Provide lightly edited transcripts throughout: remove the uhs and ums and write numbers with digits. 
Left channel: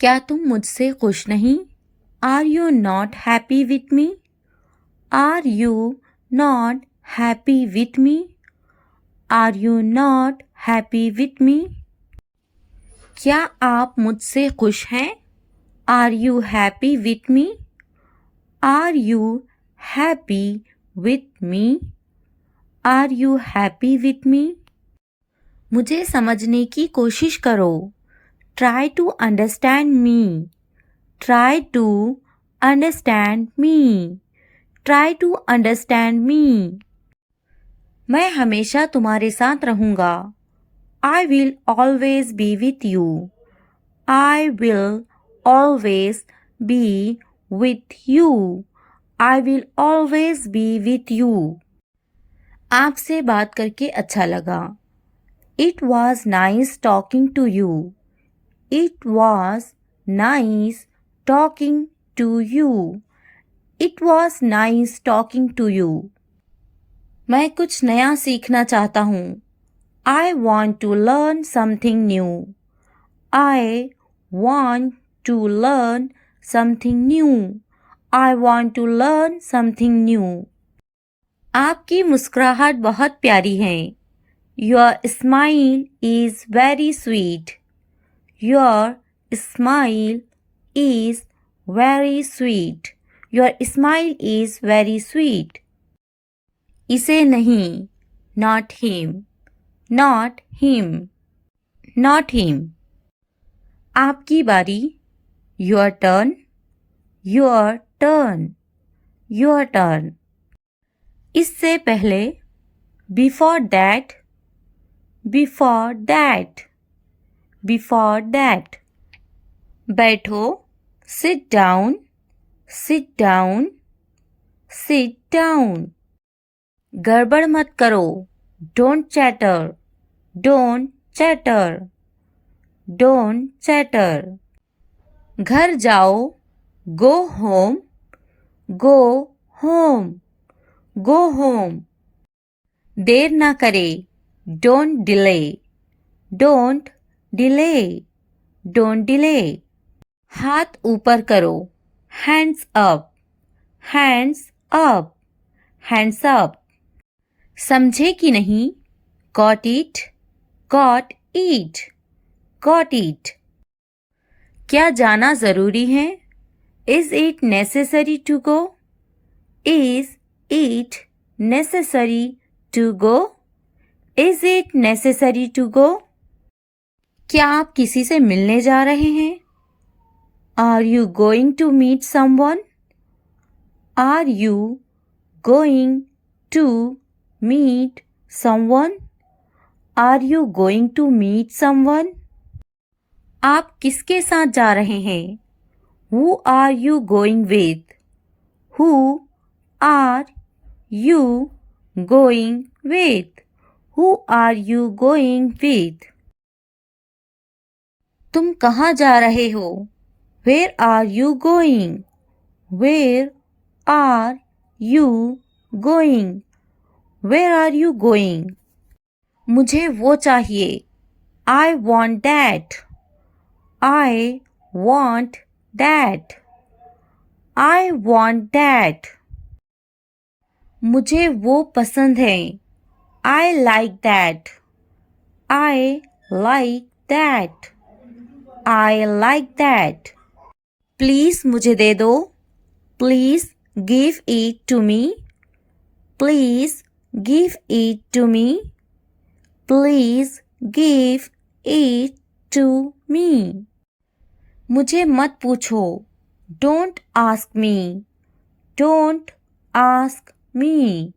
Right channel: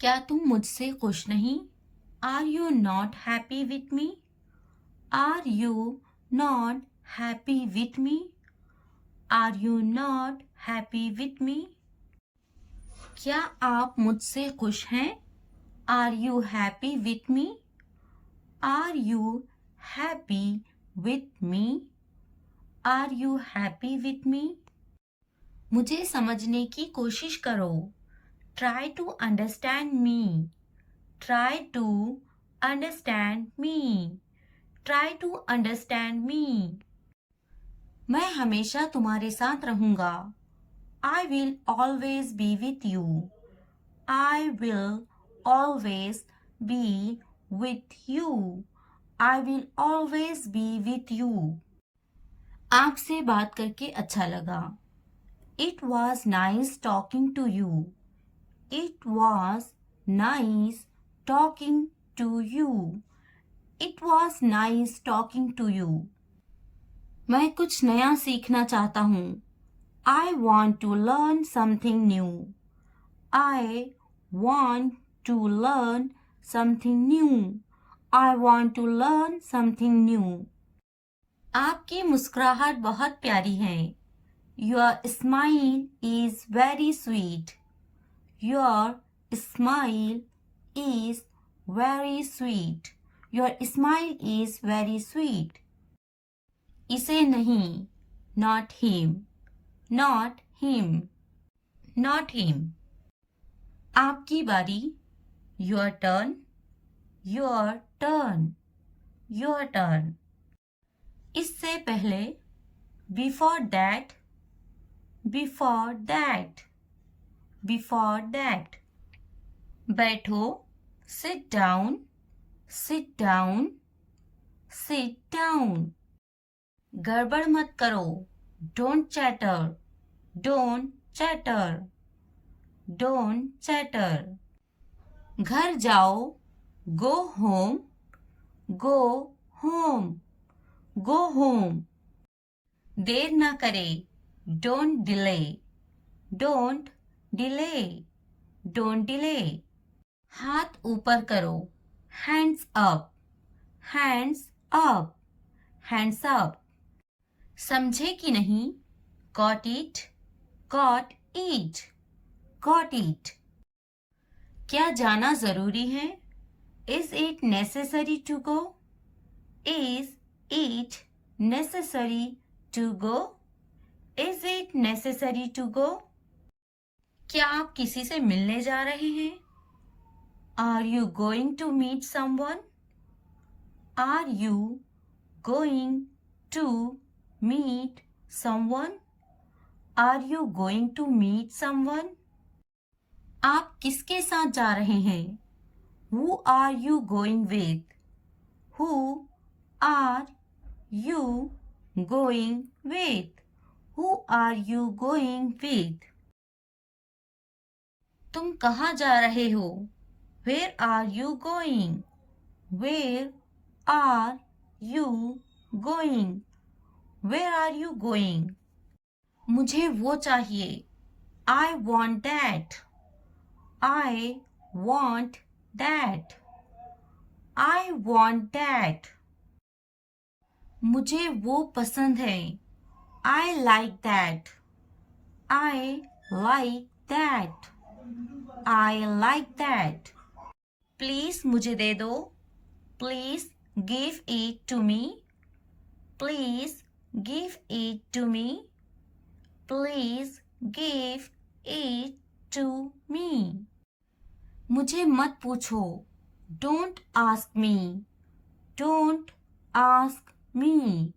क्या तुम मुझसे खुश नहीं? Are you not happy with me? Are you not happy with me? Are you not happy with me? क्या आप मुझसे खुश हैं? Are you happy with me? Are you happy with me? Are you happy with me? मुझे समझने की कोशिश करो। Try to understand me. Try to understand me. Try to understand me. मैं हमेशा तुम्हारे साथ रहूँगा। I will always be with you. I will always be with you. I will always be with you. आपसे बात करके अच्छा लगा। It was nice talking to you. It was nice talking to you. It was nice talking to you. मैं कुछ नया सीखना चाहता हूँ। I want to learn something new. I want to learn something new. I want to learn something new. आपकी मुस्कुराहट बहुत प्यारी है। Your smile is very sweet. Your smile is very sweet. Your smile is very sweet. इसे नहीं, not him. Not him. Not him. आपकी बारी, your turn. Your turn. Your turn. इससे पहले, before that. Before that. Before that. बैठो, sit down. Sit down. Sit down. गड़बड़ मत करो, don't chatter. Don't chatter. Don't chatter. घर जाओ, go home. Go home. Go home. देर ना करे, don't delay. Don't delay. Don't delay. हाथ ऊपर करो, hands up. Hands up. Hands up. समझे कि नहीं, got it. Got it. Got it. क्या जाना ज़रूरी है? Is it necessary to go? Is it necessary to go? Is it necessary to go? क्या आप किसी से मिलने जा रहे हैं? Are you going to meet someone? Are you going to meet someone? Are you going to meet someone? आप किसके साथ जा रहे हैं? Who are you going with? Who are you going with? Who are you going with? तुम कहाँ जा रहे हो? Where are you going? Where are you going? Where are you going? मुझे वो चाहिए। I want that. I want that. I want that. मुझे वो पसंद है। I like that. I like that. I like that. Please मुझे दे दो। Please give it to me. Please give it to me. Please give it to me. मुझे मत पूछो। Don't ask me. Don't ask me.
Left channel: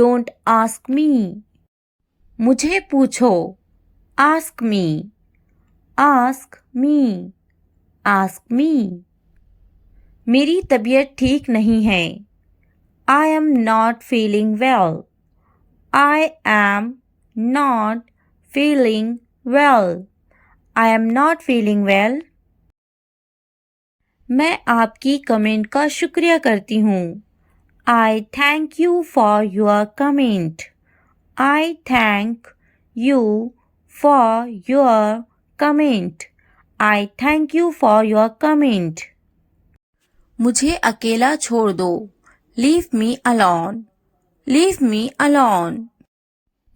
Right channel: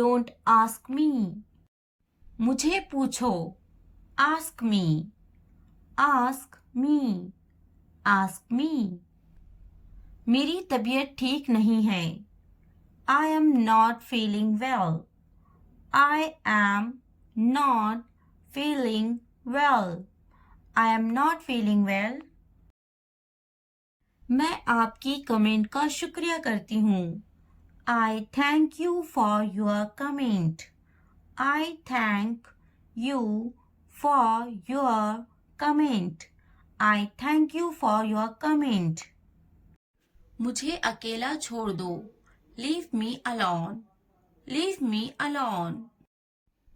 Don't ask me. मुझे पूछो। Ask me. Ask me. Ask me. मेरी तबीयत ठीक नहीं है। I am not feeling well. I am not feeling well. I am not feeling well. मैं आपकी कमेंट का शुक्रिया करती हूँ। I thank you for your comment. I thank you for your comment. I thank you for your comment. मुझे अकेला छोड़ दो. Leave me alone. Leave me alone.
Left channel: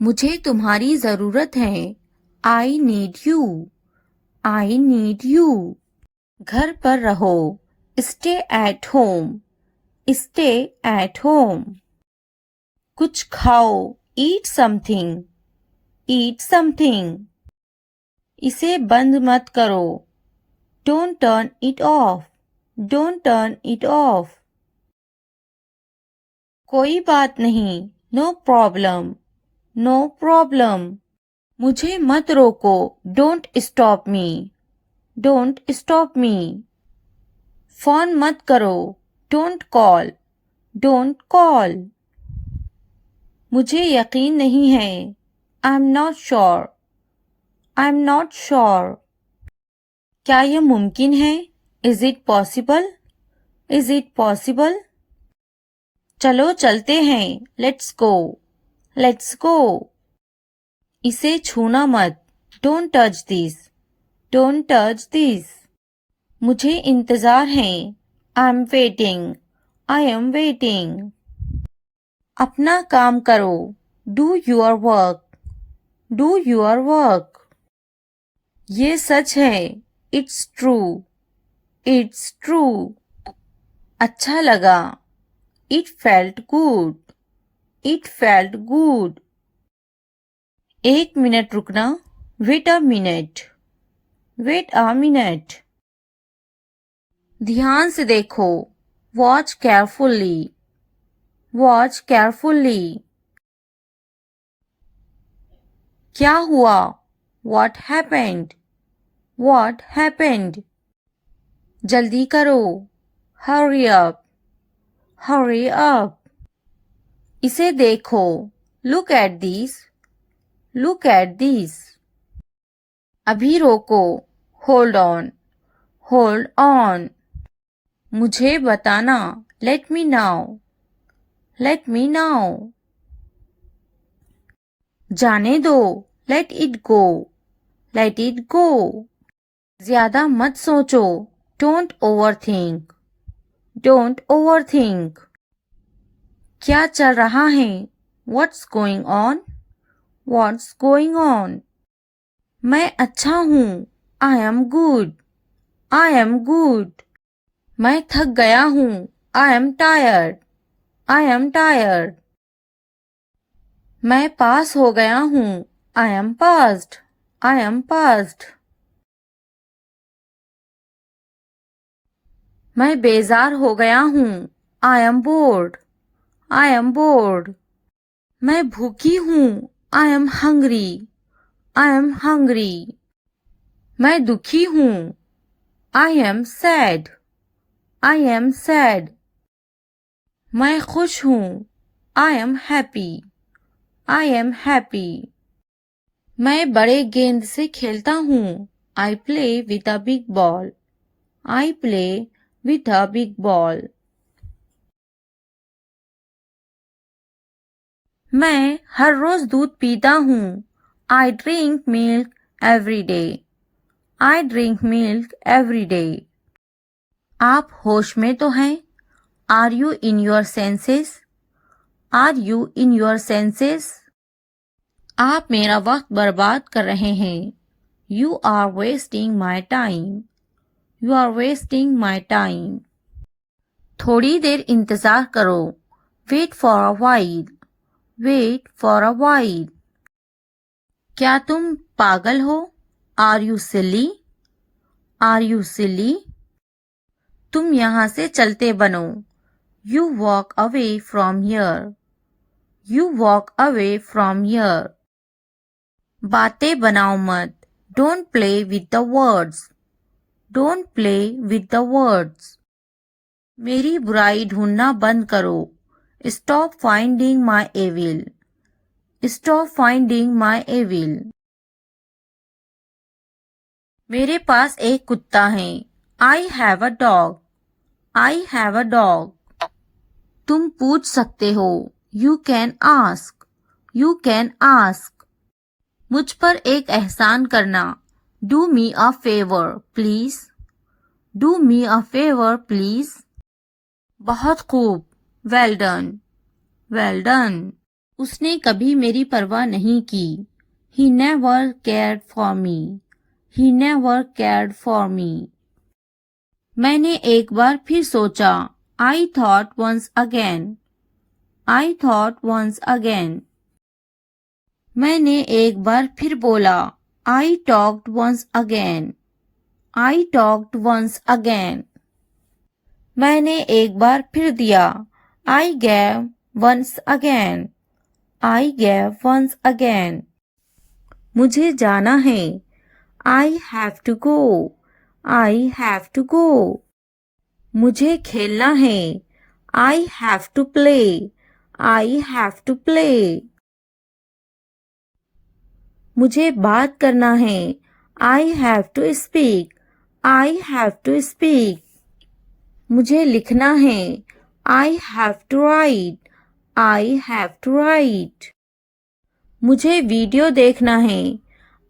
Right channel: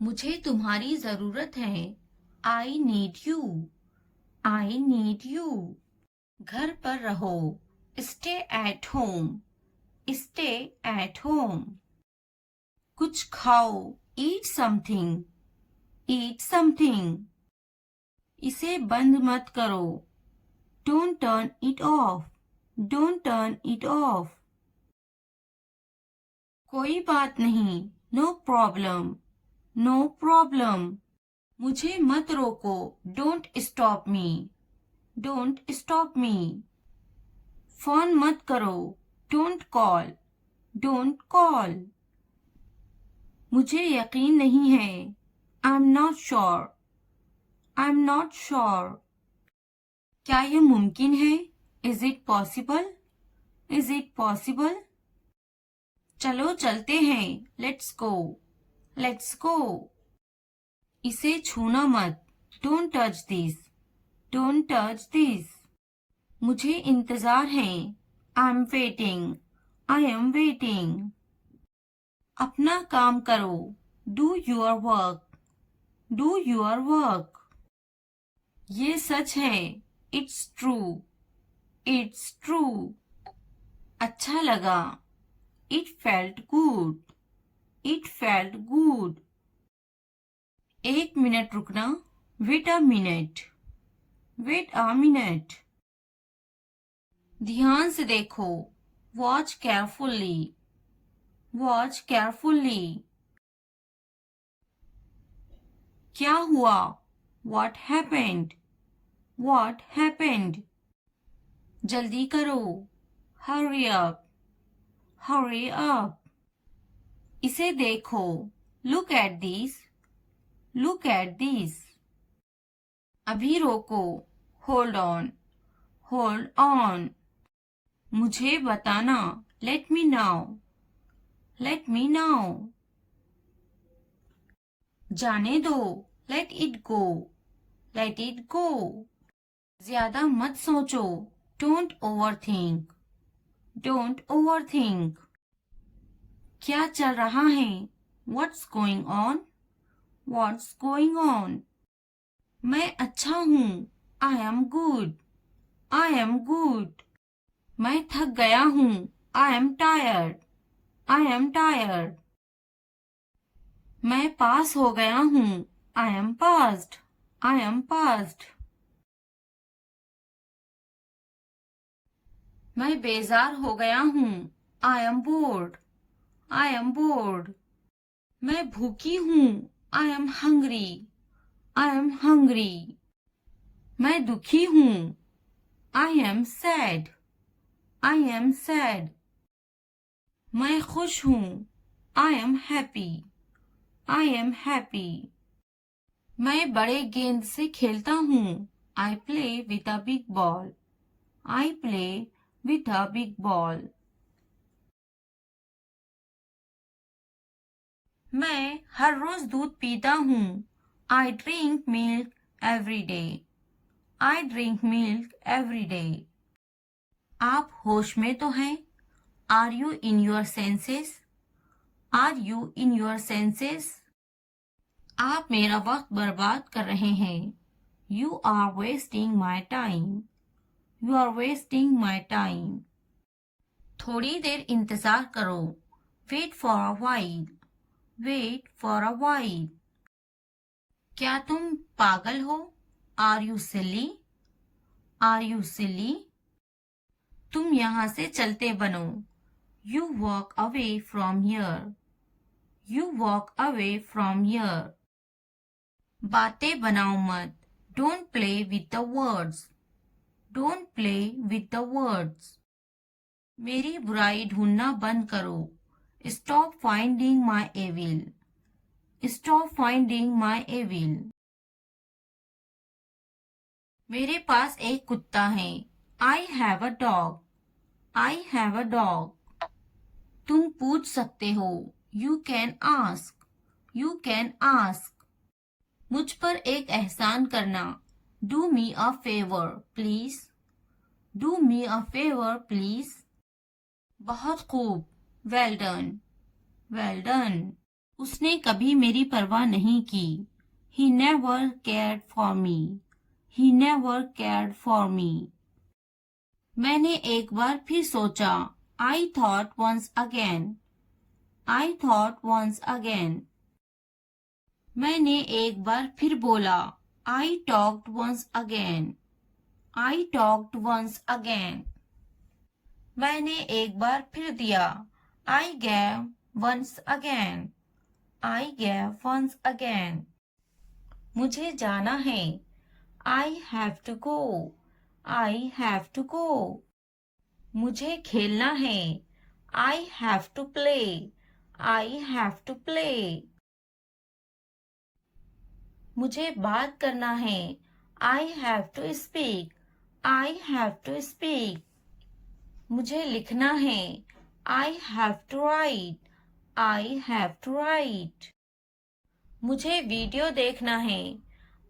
मुझे तुम्हारी जरूरत है. I need you. I need you. घर पर रहो. Stay at home. Stay at home. कुछ खाओ. Eat something. Eat something. इसे बंद मत करो. Don't turn it off. Don't turn it off. कोई बात नहीं. No problem. No problem. मुझे मत रोको. Don't stop me. Don't stop me. Phone मत करो. Don't call. Don't call. मुझे यकीन नहीं है. I'm not sure. I'm not sure. क्या यह मुमकिन है? Is it possible? Is it possible? चलो चलते हैं. Let's go. Let's go. इसे छूना मत. Don't touch this. Don't touch this. मुझे इंतजार है. I'm waiting. I am waiting. अपना काम करो. Do your work. Do your work. ये सच है. It's true. It's true. अच्छा लगा. It felt good. It felt good. एक मिनट रुकना. Wait a minute. Wait a minute. ध्यान से देखो. Watch carefully. Watch carefully. क्या हुआ? What happened? What happened? जल्दी करो. Hurry up. Hurry up. इसे देखो. Look at this. Look at this. अभी रोको. Hold on. Hold on. मुझे बताना. Let me know. Let me know. जाने दो. Let it go. Let it go. ज्यादा मत सोचो. Don't overthink. Don't overthink. क्या चल रहा है? What's going on? What's going on? मैं अच्छा हूँ. I am good. I am good. मैं थक गया हूँ. I am tired. I am tired. मैं पास हो गया हूँ. I am passed. I am passed. मैं बेजार हो गया हूँ. I am bored. I am bored. मैं भूखी हूँ. I am hungry. I am hungry. मैं दुखी हूँ. I am sad. I am sad. मैं खुश हूँ. I am happy. I am happy. मैं बड़े गेंद से खेलता हूँ. I play with a big ball. I play with a big ball. मैं हर रोज दूध पीता हूँ. I drink milk every day. I drink milk every day. आप होश में तो हैं? Are you in your senses? Are you in your senses? आप मेरा वक्त बर्बाद कर रहे हैं. You are wasting my time. You are wasting my time. थोड़ी देर इंतजार करो. Wait for a while. Wait for a while. क्या तुम पागल हो? Are you silly? Are you silly? तुम यहाँ से चलते बनो. You walk away from here. You walk away from here. बातें बनाओ मत. Don't play with the words. Don't play with the words. मेरी बुराई ढूंढना बंद करो. Stop finding my evil. Stop finding my evil. मेरे पास एक कुत्ता है. I have a dog. I have a dog. तुम पूछ सकते हो. You can ask. You can ask. मुझ पर एक एहसान करना. Do me a favour please, do me a favour please. बहुत खूब, वेल डन, वेल डन। उसने कभी मेरी परवाह नहीं की, he never cared for me, he never cared for me. मैंने एक बार फिर सोचा, I thought once again, I thought once again. मैंने एक बार फिर बोला, I talked once again, I talked once again. मैंने एक बार फिर दिया, I gave once again, I gave once again. मुझे जाना है, I have to go, I have to go. मुझे खेलना है, I have to play, I have to play. मुझे बात करना है, I have to speak, I have to speak. मुझे लिखना है, I have to write, I have to write. मुझे वीडियो देखना है,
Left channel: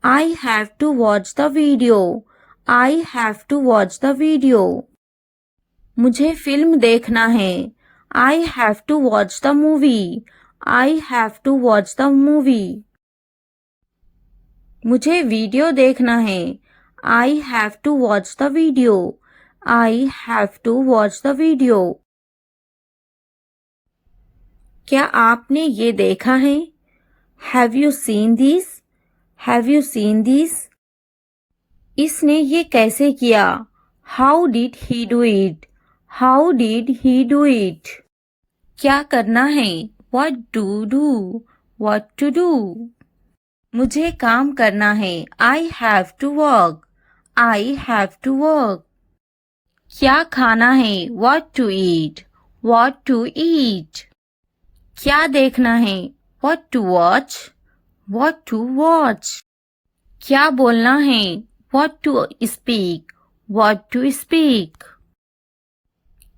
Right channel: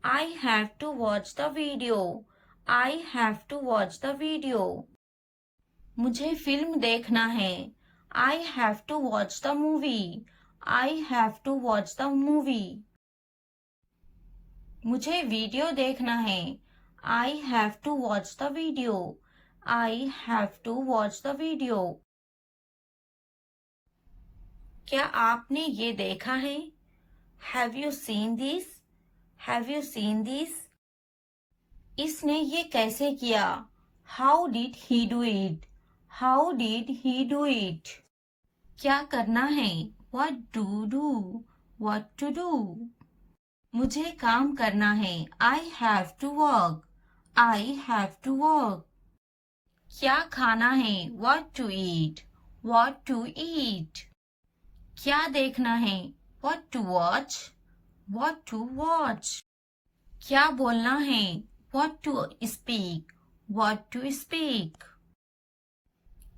I have to watch the video, I have to watch the video. मुझे फिल्म देखना है, I have to watch the movie, I have to watch the movie. मुझे video देखना है, I have to watch the video, I have to watch the video. क्या आपने ये देखा है? Have you seen this? Have you seen this? इसने ये कैसे किया? How did he do it? How did he do it? क्या करना है? What to do? What to do? मुझे काम करना है, I have to work, I have to work. क्या खाना है? What to eat? What to eat? क्या देखना है? What to watch? What to watch? क्या बोलना है? What to speak? What to speak?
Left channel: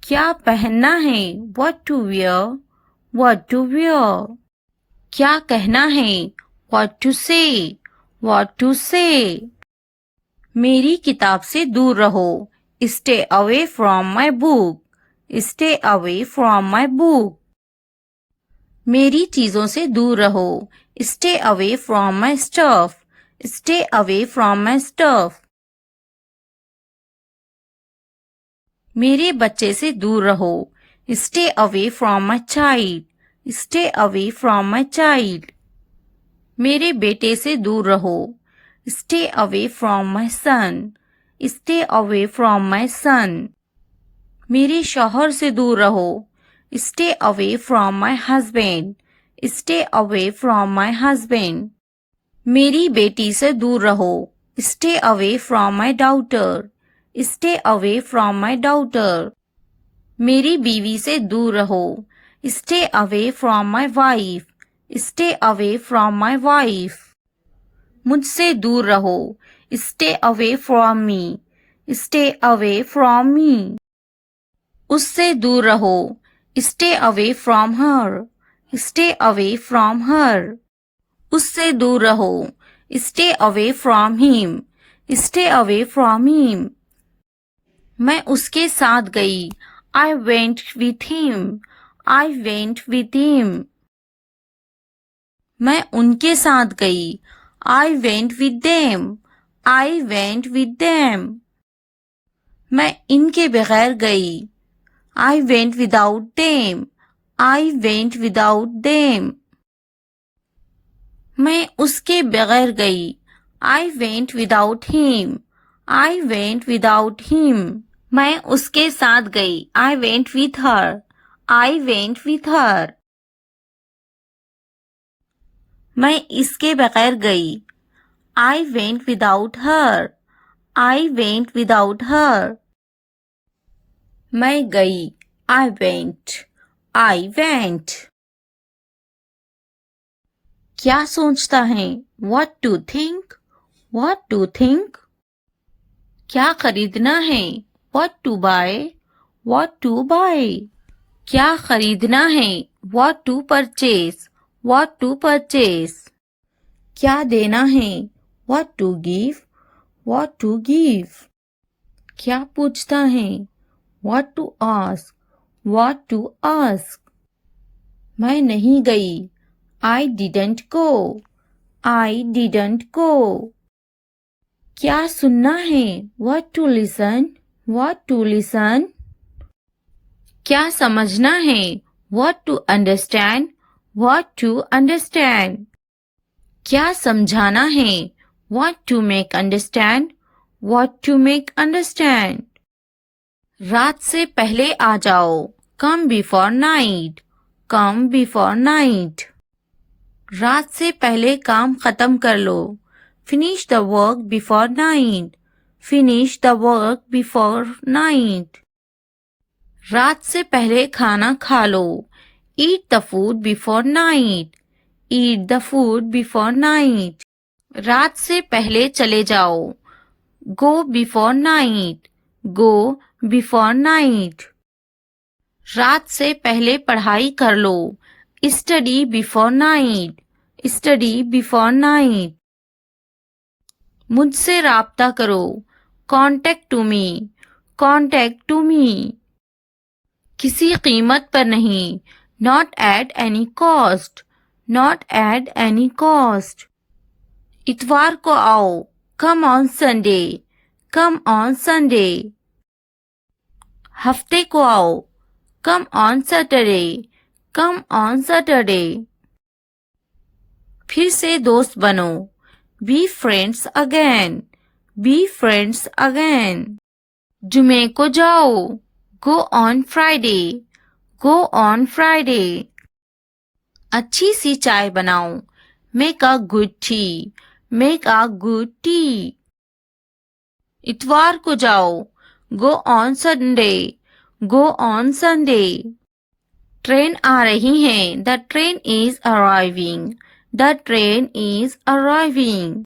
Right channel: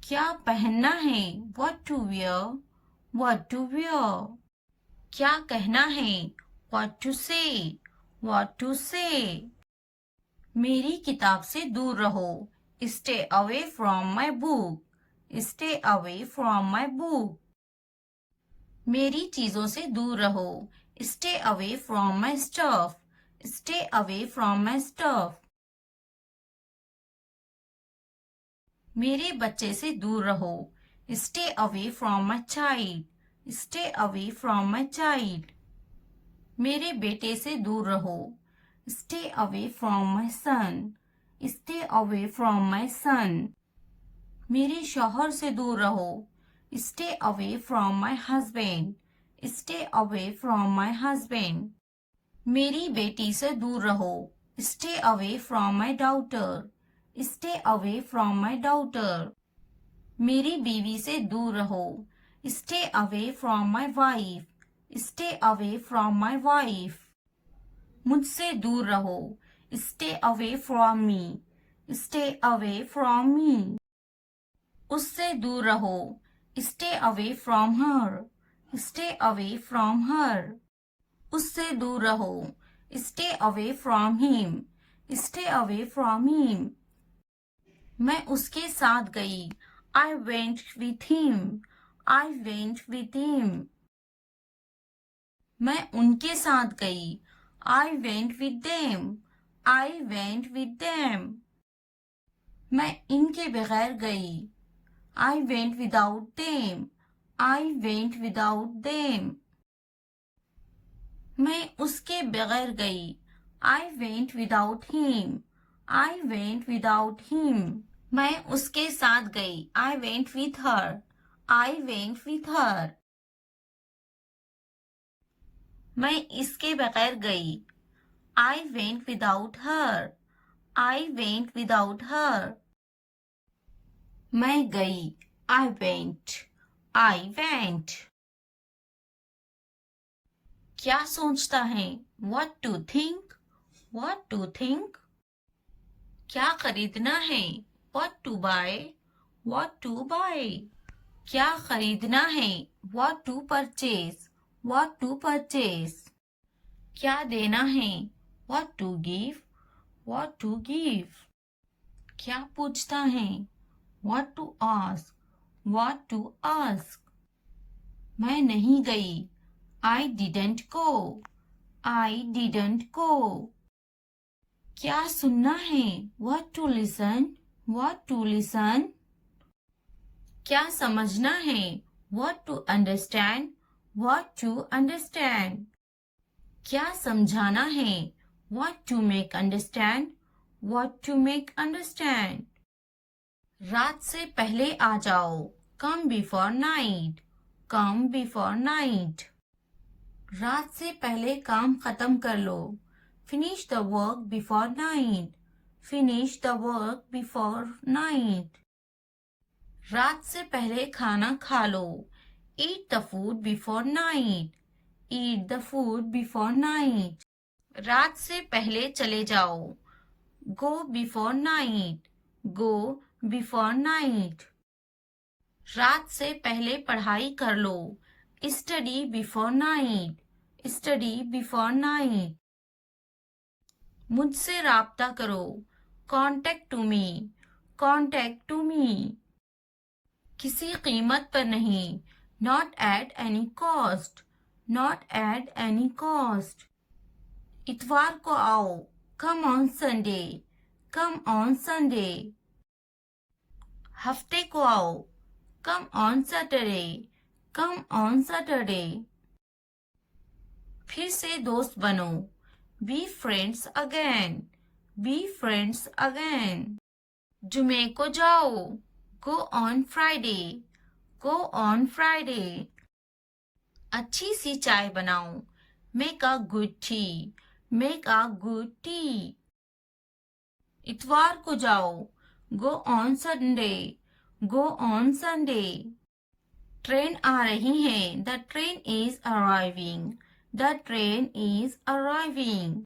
क्या पहनना है? What to wear? What to wear? क्या कहना है? What to say? What to say? मेरी किताब से दूर रहो, stay away from my book, stay away from my book. मेरी चीजों से दूर रहो, stay away from my stuff, stay away from my stuff. मेरे बच्चे से दूर रहो, stay away from my child, stay away from my child. मेरे बेटे से दूर रहो, stay away from my son, stay away from my son. मेरे शौहर से दूर रहो, stay away from my husband, stay away from my husband. मेरी बेटी से दूर रहो, stay away from my daughter, stay away from my daughter. मेरी बीवी से दूर रहो, stay away from my wife, stay away from my wife. मुझसे दूर रहो, stay away from me, stay away from me. उससे दूर रहो, stay away from her, stay away from her. उससे दूर रहो, stay away from him, stay away from him. मैं उसके साथ गई, I went with him, I went with him. मैं उनके साथ गई, I went with them, I went with them. मैं इनके बगैर गई, I went without them, I went without them. मैं उसके बगैर गई, I went without him, I went without him. मैं उसके साथ गई, I went with her, I went with her. मैं इसके बगैर गई, I went without her, I went without her. मैं गई, आई वेंट, आई वेंट। क्या सोचता है? What to think? What to think? क्या खरीदना है? What to buy? What to buy? क्या खरीदना है? What to purchase? What to purchase? क्या देना है? What to give? what to give. क्या पूछता है? What to ask. What to ask. मैं नहीं गई. I didn't go. I didn't go. क्या सुनना है? What to listen. What to listen. क्या समझना है? What to understand. What to understand. क्या समझाना है? What to make understand. What to make understand. रात से पहले आ जाओ. Come before night. Come before night. रात से पहले काम खत्म कर लो. Finish the work before night. Finish the work before night. रात से पहले खाना खा लो. Eat the food before night. Eat the food before night. रात से पहले चले जाओ. Go before night. Go before night. रात से पहले पढ़ाई कर लो. Study before night. Study before night. मुझसे राब्ता करो. Contact to me. Contact to me. किसी कीमत पर नहीं. Not at any cost. Not at any cost. इतवार को आओ. Come on Sunday. Come on Sunday. हफ्ते को आओ. Come on Saturday. Come on Saturday. फिर से दोस्त बनो. Be friends again. Be friends again. जुमे को जाओ. Go on Friday. Go on Friday. अच्छी सी चाय बनाओ. Make a good tea. Make a good tea. इतवार को जाओ. Go on Sunday. Go on Sunday. Train आ रही है. The train is arriving. The train is arriving.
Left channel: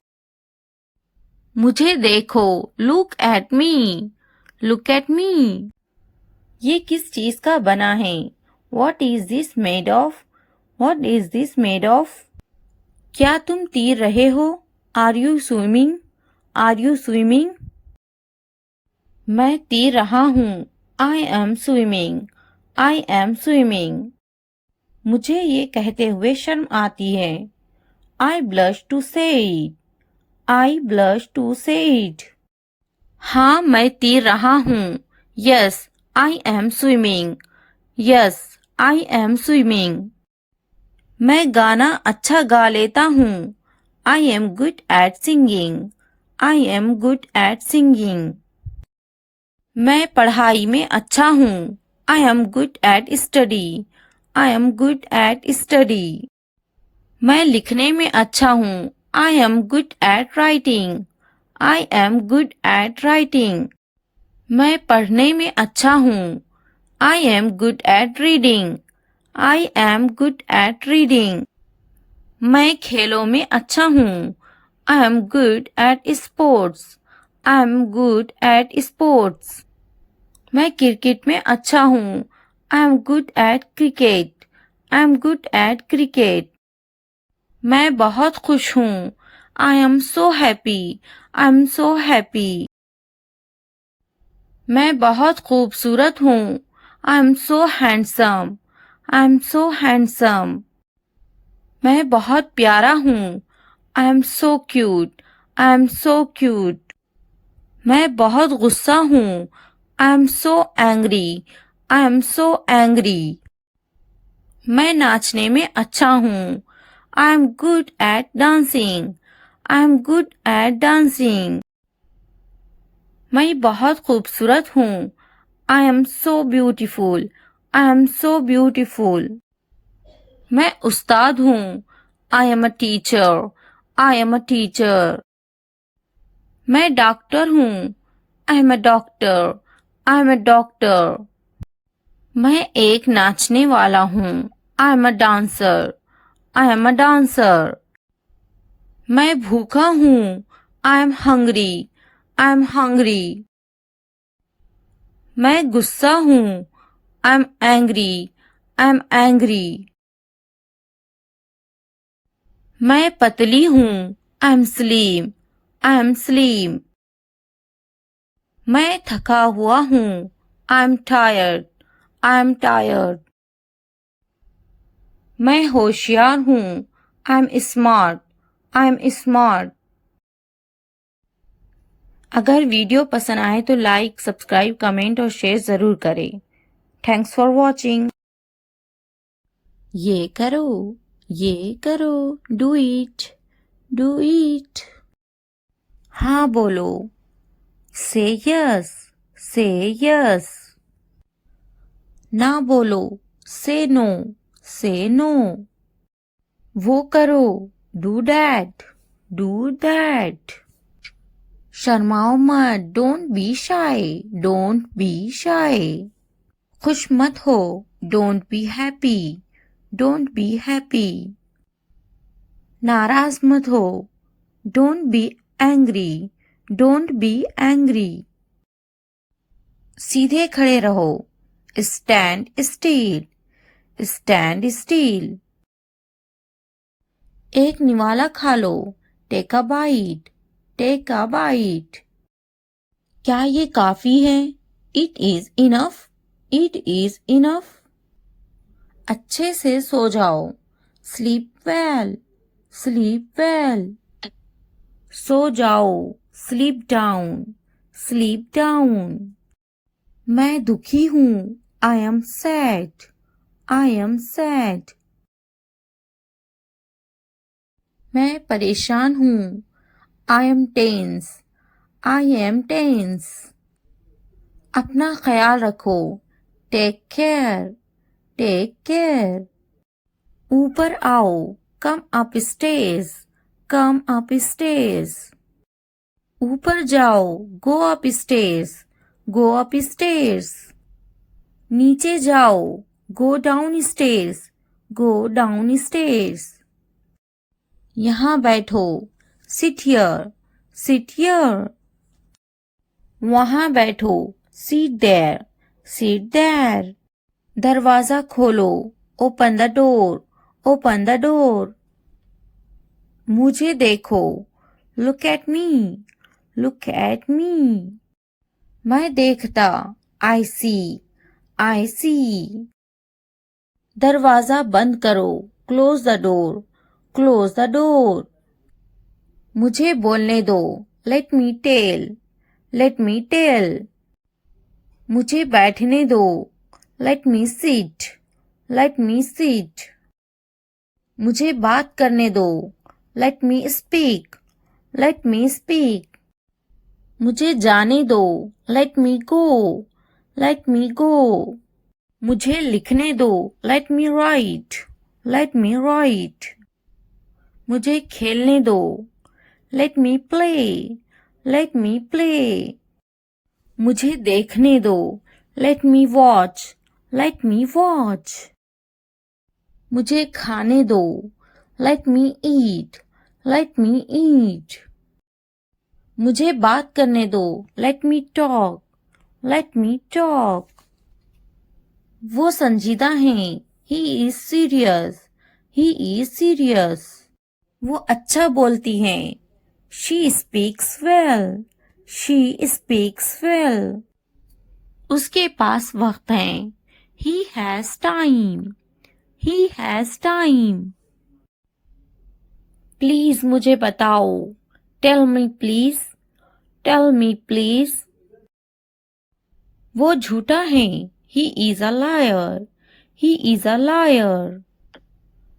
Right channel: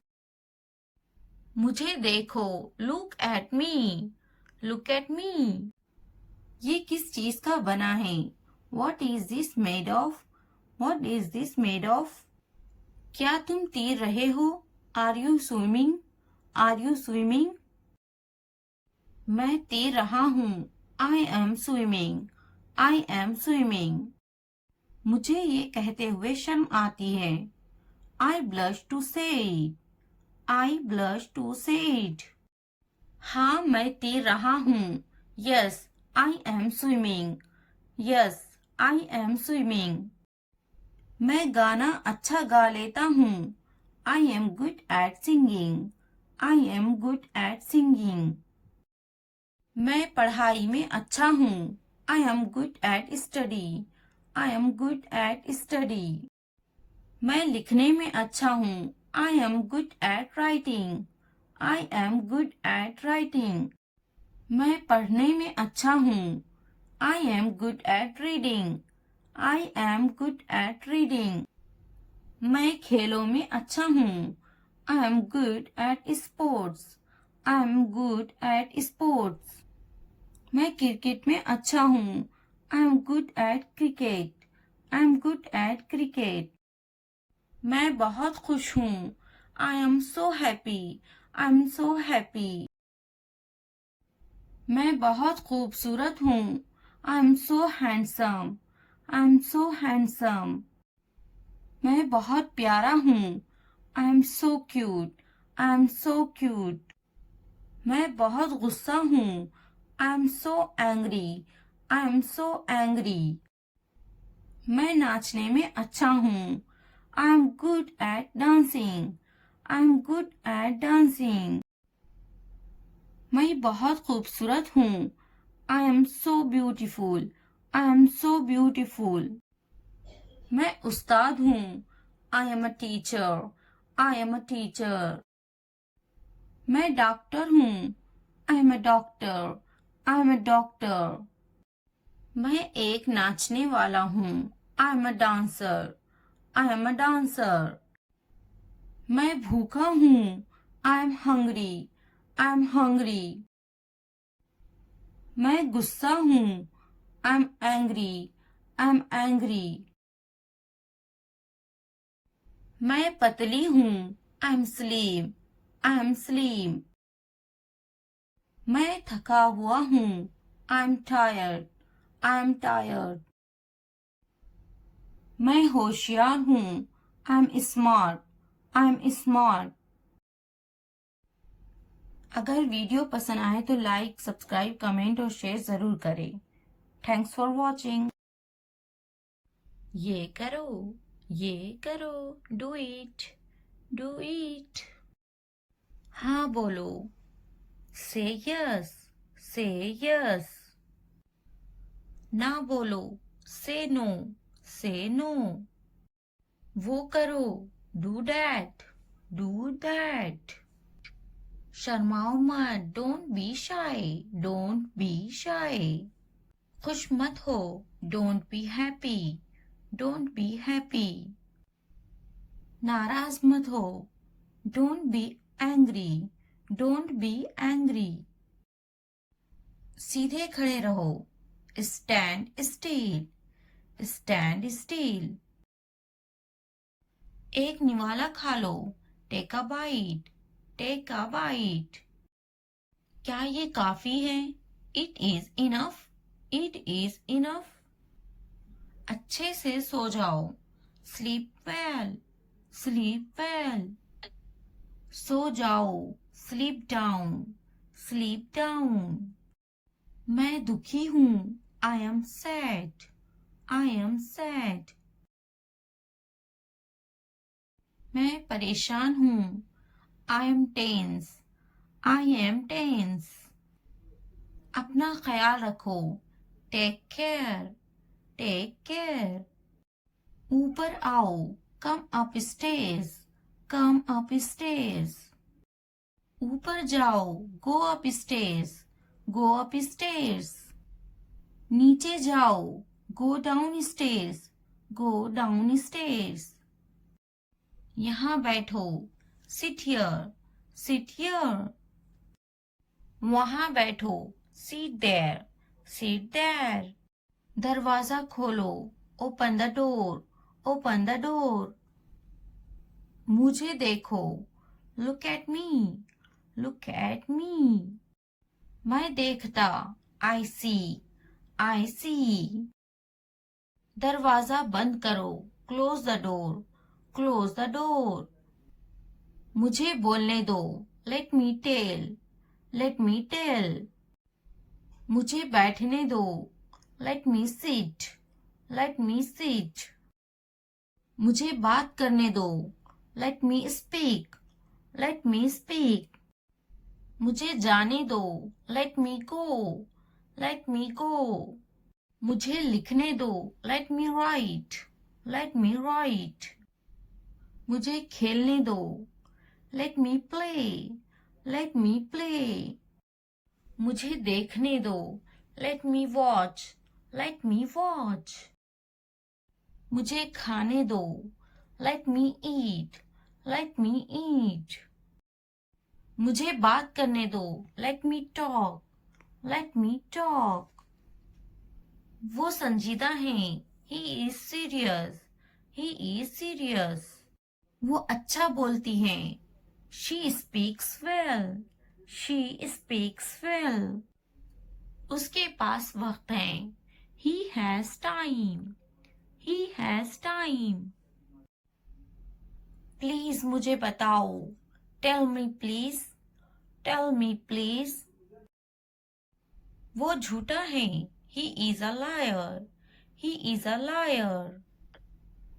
मुझे देखो. Look at me. Look at me. ये किस चीज का बना है? What is this made of? What is this made of? क्या तुम तैर रहे हो? Are you swimming? Are you swimming? मैं तैर रहा हूँ. I am swimming. I am swimming. मुझे ये कहते हुए शर्म आती है. I blush to say it. I blush to say it. हाँ मैं तैर रहा हूँ. Yes, I am swimming. Yes, I am swimming. मैं गाना अच्छा गा लेता हूँ. I am good at singing. I am good at singing. मैं पढ़ाई में अच्छा हूँ. I am good at study. I am good at study. मैं लिखने में अच्छा हूँ. I am good at writing. I am good at writing. मैं पढ़ने में अच्छा हूँ. I am good at reading. I am good at reading. मैं खेलों में अच्छा हूँ. I am good at sports. I am good at sports. मैं क्रिकेट में अच्छा हूँ. I am good at cricket. I am good at cricket. मैं बहुत खुश हूँ. I am so happy. I am so happy. मैं बहुत खूबसूरत हूँ. I am so handsome. I am so handsome. मैं बहुत प्यारा हूँ. I am so cute. I am so cute. मैं बहुत गुस्सा हूँ. I am so angry. I am so angry. मैं नाचने में अच्छा हूँ. I am good at dancing. I am good at dancing. मैं बहुत खूबसूरत हूँ. I am so beautiful. I am so beautiful. मैं उस्ताद हूँ. I am a teacher. I am a teacher. मैं डॉक्टर हूँ. I am a doctor. I am a doctor. मैं एक नाचने वाला हूँ. I am a dancer. I am a dancer. मैं भूखा हूँ. I am hungry. I am hungry. मैं गुस्सा हूँ. I am angry. I am angry. मैं पतली हूँ. I am slim. I am slim. मैं थका हुआ हूँ. I'm tired. I'm tired. मैं होशियार हूँ. I'm smart. I'm smart. अगर वीडियो पसंद आए तो लाइक, सब्सक्राइब, कमेंट और शेयर ज़रूर करें. Thanks for watching. ये करो, ये करो, डू इट, डू इट. हाँ बोलो. से यस, से यस. ना बोलो. से नो, से नो. वो करो. Do that, do that. शर्माओ मत. Don't be shy, don't be shy. खुश मत हो. Don't be happy, don't be happy. नाराज मत हो. Don't be angry, don't be angry. सीधे खड़े रहो. Stand still, stand still. एक निवाला खा लो. Take a bite, take a bite. क्या ये काफी है? It is enough, it is enough. अच्छे से सो जाओ. Sleep well, sleep well. सो जाओ. Sleep down, sleep down. मैं दुखी हूँ. I am sad, I am sad. मैं परेशान हूँ. I am tense, I am tense. अपना ख्याल रखो. Take care, take care. ऊपर आओ. Come up stage, come up stage. ऊपर जाओ. Go up stage, go up stage. नीचे जाओ. Go down stage, go down stage. यहाँ बैठो. Sit here, sit here. वहाँ बैठो. Seat there, seat there. दरवाजा खोलो. Open the door, open the door. मुझे देखो. Look at me, look at me. मैं देखता. I see, I see. दरवाजा बंद करो. Close the door, close the door. मुझे बोलने दो. Let me tell, let me tell. मुझे बैठने दो. Let me sit, let me sit. मुझे बात करने दो. Let me speak, let me speak. मुझे जाने दो. Let me go, let me go. मुझे लिखने दो. Let me right, late me right. मुझे खेलने दो. लेट मी प्ले, लेट मी प्ले. मुझे देखने दो. लेट मी वॉच, लेट मी वॉच. मुझे खाने दो. लेट मी ईट, लेट मी ईट. मुझे बात करने दो. Let me talk, let me talk. वो संजीदा हैं. He is serious, he is serious. वो अच्छा बोलती हैं. She speaks well, she speaks well. उसके पास वक्त है. He has time, he has time. Please मुझे बताओ. Tell me please, tell me please. वो झूठा है. He is a liar, he is a liar.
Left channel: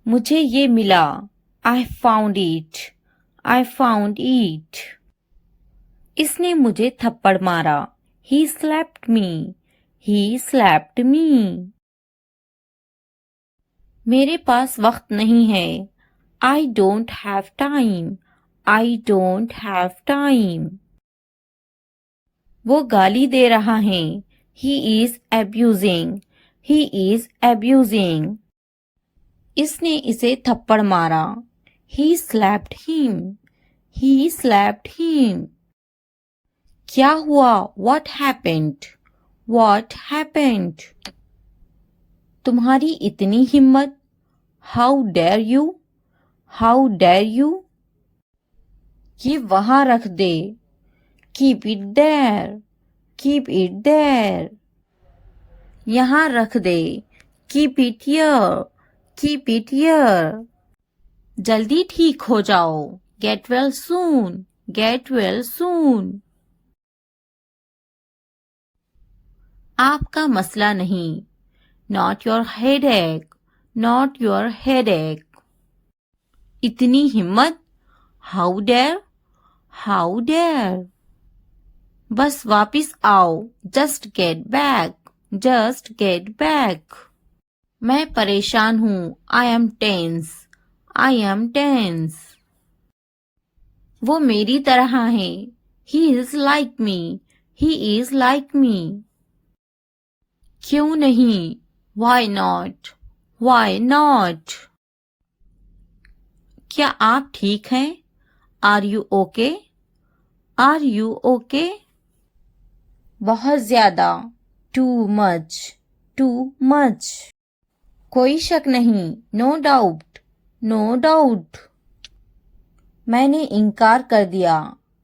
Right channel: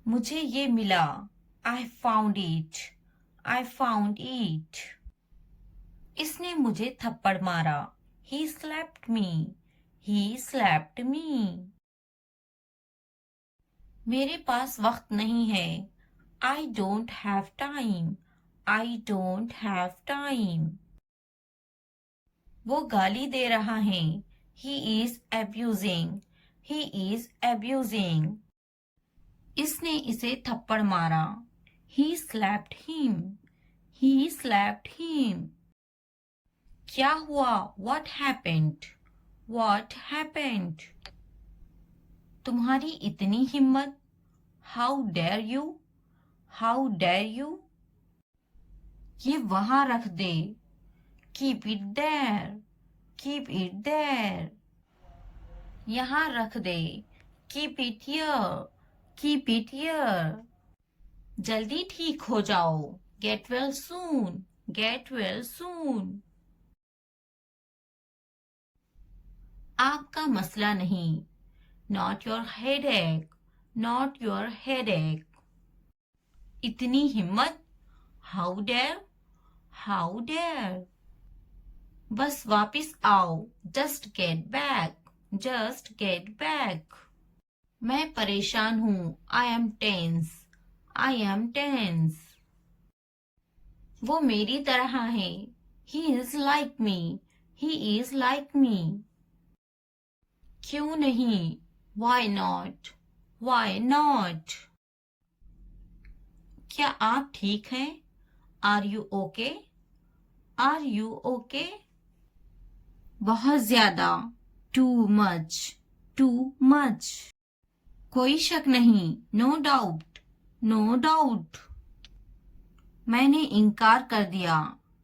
मुझे ये मिला. I found it, I found it. इसने मुझे थप्पड़ मारा. He slapped me, he slapped me. मेरे पास वक्त नहीं है. I don't have time, I don't have time. वो गाली दे रहा है. He is abusing, he is abusing. इसने इसे थप्पड़ मारा. He slapped him, he slapped him. क्या हुआ? What happened? What happened? तुम्हारी इतनी हिम्मत. How dare you? How dare you? ये वहां रख दे. Keep it there, keep it there. यहाँ रख दे, keep it here, keep it here. जल्दी ठीक हो जाओ, get well soon, get well soon. आपका मसला नहीं, not your headache, not your headache. इतनी हिम्मत, हाउ डेयर, हाउ डेयर। बस वापिस आओ, just get back, just get back. मैं परेशान हूँ, I am tense, I am tense. वो मेरी तरह है, he is like me, he is like me. क्यों नहीं, वाई नॉट, वाई नॉट। क्या आप ठीक हैं, are you okay, are you okay. बहुत ज्यादा, टू मच, टू मच। कोई शक नहीं, नो डाउट, नो डाउट। मैंने इनकार कर दिया,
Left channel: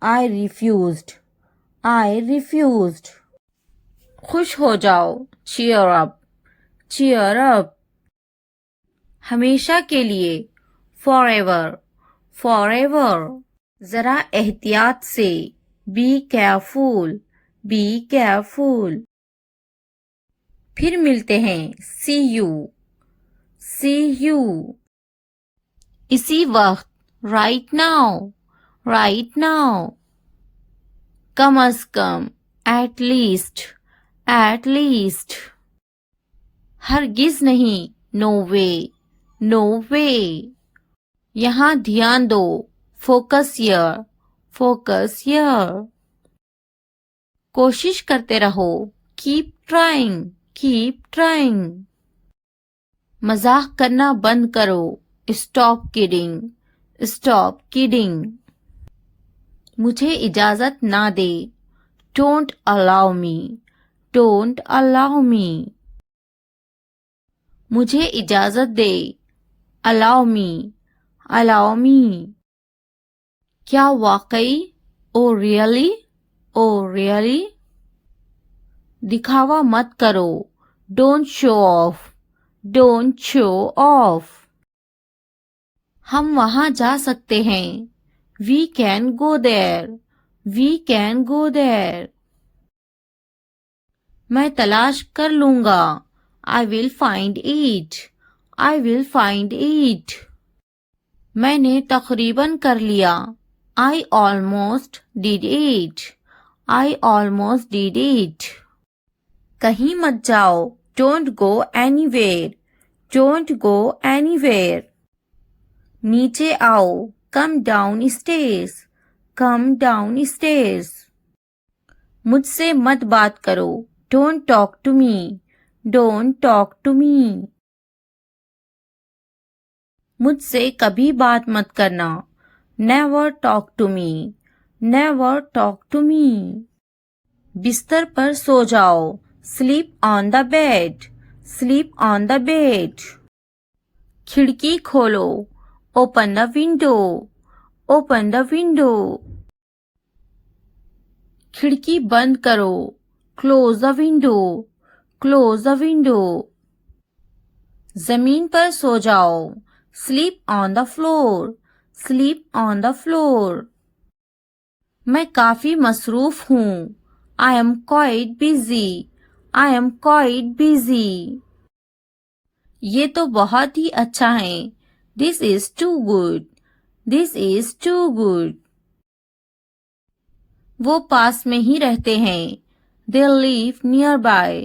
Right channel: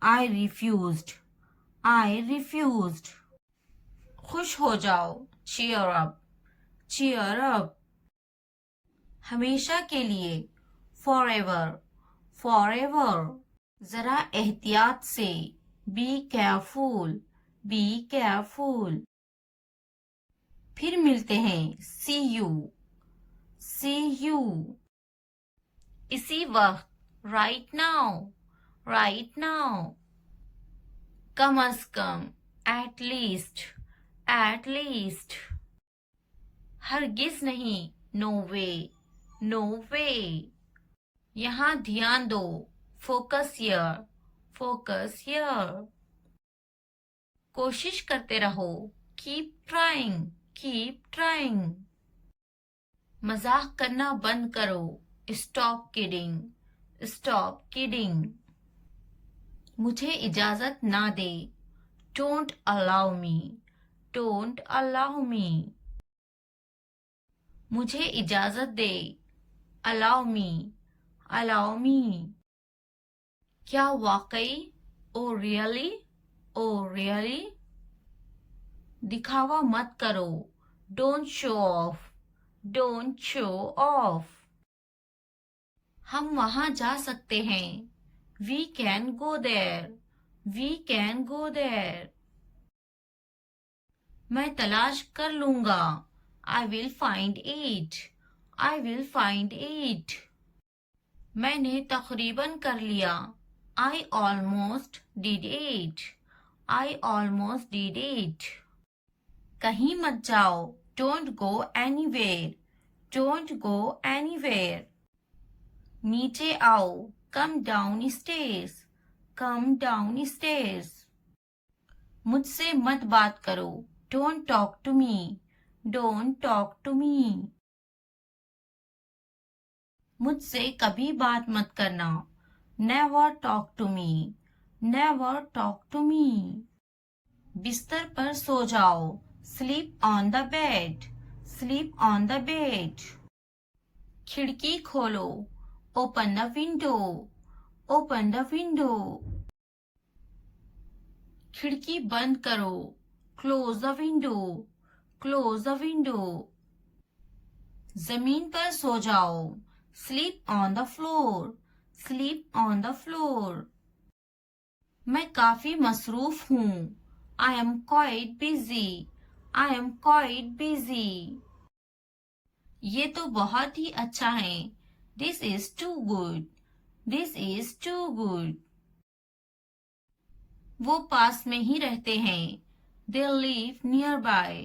आई रिफ्यूज्ड, आई रिफ्यूज्ड। खुश हो जाओ, चीयर अप, चीयर अप। हमेशा के लिए, फॉर एवर, फॉर एवर। जरा एहतियात से, बी केयरफुल, बी केयरफुल। फिर मिलते हैं, सी यू, सी यू। इसी वक्त, राइट नाउ, राइट नाउ। कम अज कम, एट लीस्ट, एट लीस्ट। हरगिज नहीं, नो वे, नो वे। यहाँ ध्यान दो, फोकस हियर, फोकस हियर। कोशिश करते रहो, कीप ट्राइंग, कीप ट्राइंग। मजाक करना बंद करो, स्टॉप किडिंग, स्टॉप किडिंग। मुझे इजाजत ना दे, don't allow me, don't allow me. मुझे इजाजत दे, अलाउ मी, अलाउ मी। क्या वाकई, ओ रियली, ओ रियली। दिखावा मत करो, don't show off, don't show off. हम वहां जा सकते हैं, we can go there, we can go there. मैं तलाश कर लूंगा, I will find it, I will find it. मैंने तकरीबन कर लिया, I almost did it, I almost did it. कहीं मत जाओ, don't go anywhere, don't go anywhere. नीचे आओ, come down stairs, come down stairs. मुझसे मत बात करो, don't talk to me, don't talk to me. मुझसे कभी बात मत करना, never talk to me, never talk to me. बिस्तर पर सो जाओ, sleep on the bed, sleep on the bed. खिड़की खोलो, open the window, open the window. खिड़की बंद करो, close the window, close the window. जमीन पर सो जाओ, sleep on the floor, sleep on the floor. मैं काफी मसरूफ हूँ, I am quite busy, I am quite busy. ये तो बहुत ही अच्छा है, this is too good, this is too good. वो पास में ही रहते हैं, they live nearby,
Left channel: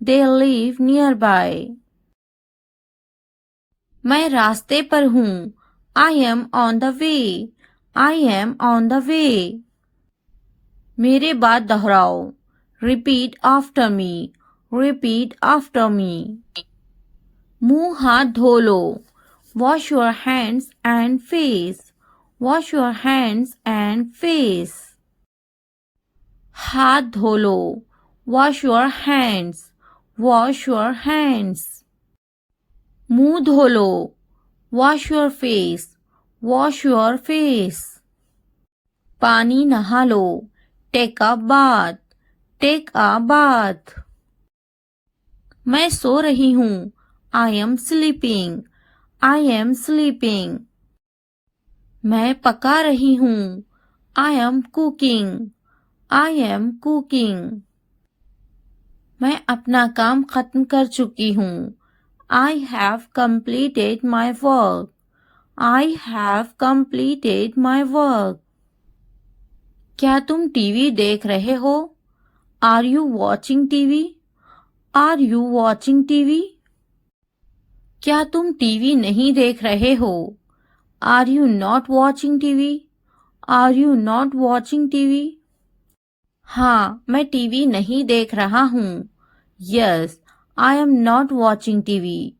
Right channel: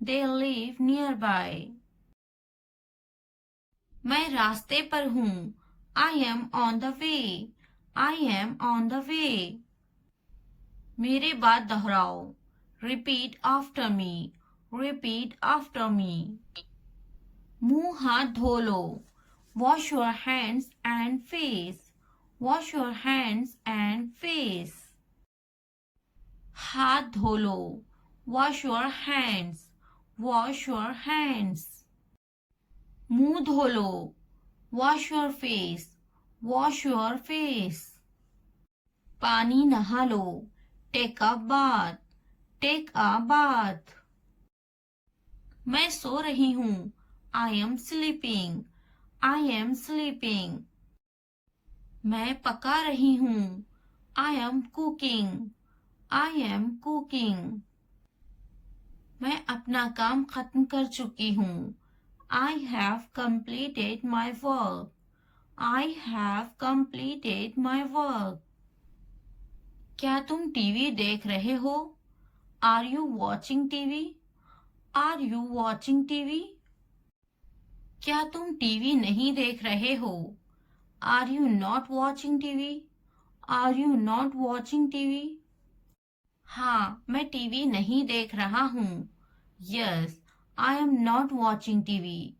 they live nearby. मैं रास्ते पर हूँ, I am on the way, I am on the way. मेरे बाद दोहराओ, repeat after me, repeat after me. मुंह हाथ धो लो, wash your hands and face, wash your hands and face. हाथ धो लो, wash your hands, wash your hands. मुंह धो लो, wash your face, wash your face. पानी नहा लो, take a bath, take a bath. मैं सो रही हूँ। I am sleeping. I am sleeping. मैं पका रही हूँ। I am cooking. I am cooking. मैं अपना काम खत्म कर चुकी हूँ। I have completed my work. I have completed my work. क्या तुम टीवी देख रहे हो? Are you watching TV? Are you watching TV? क्या तुम टीवी नहीं देख रहे हो? Are you not watching TV? Are you not watching TV? हाँ, मैं टीवी नहीं देख रहा हूँ। Yes, I am not watching TV.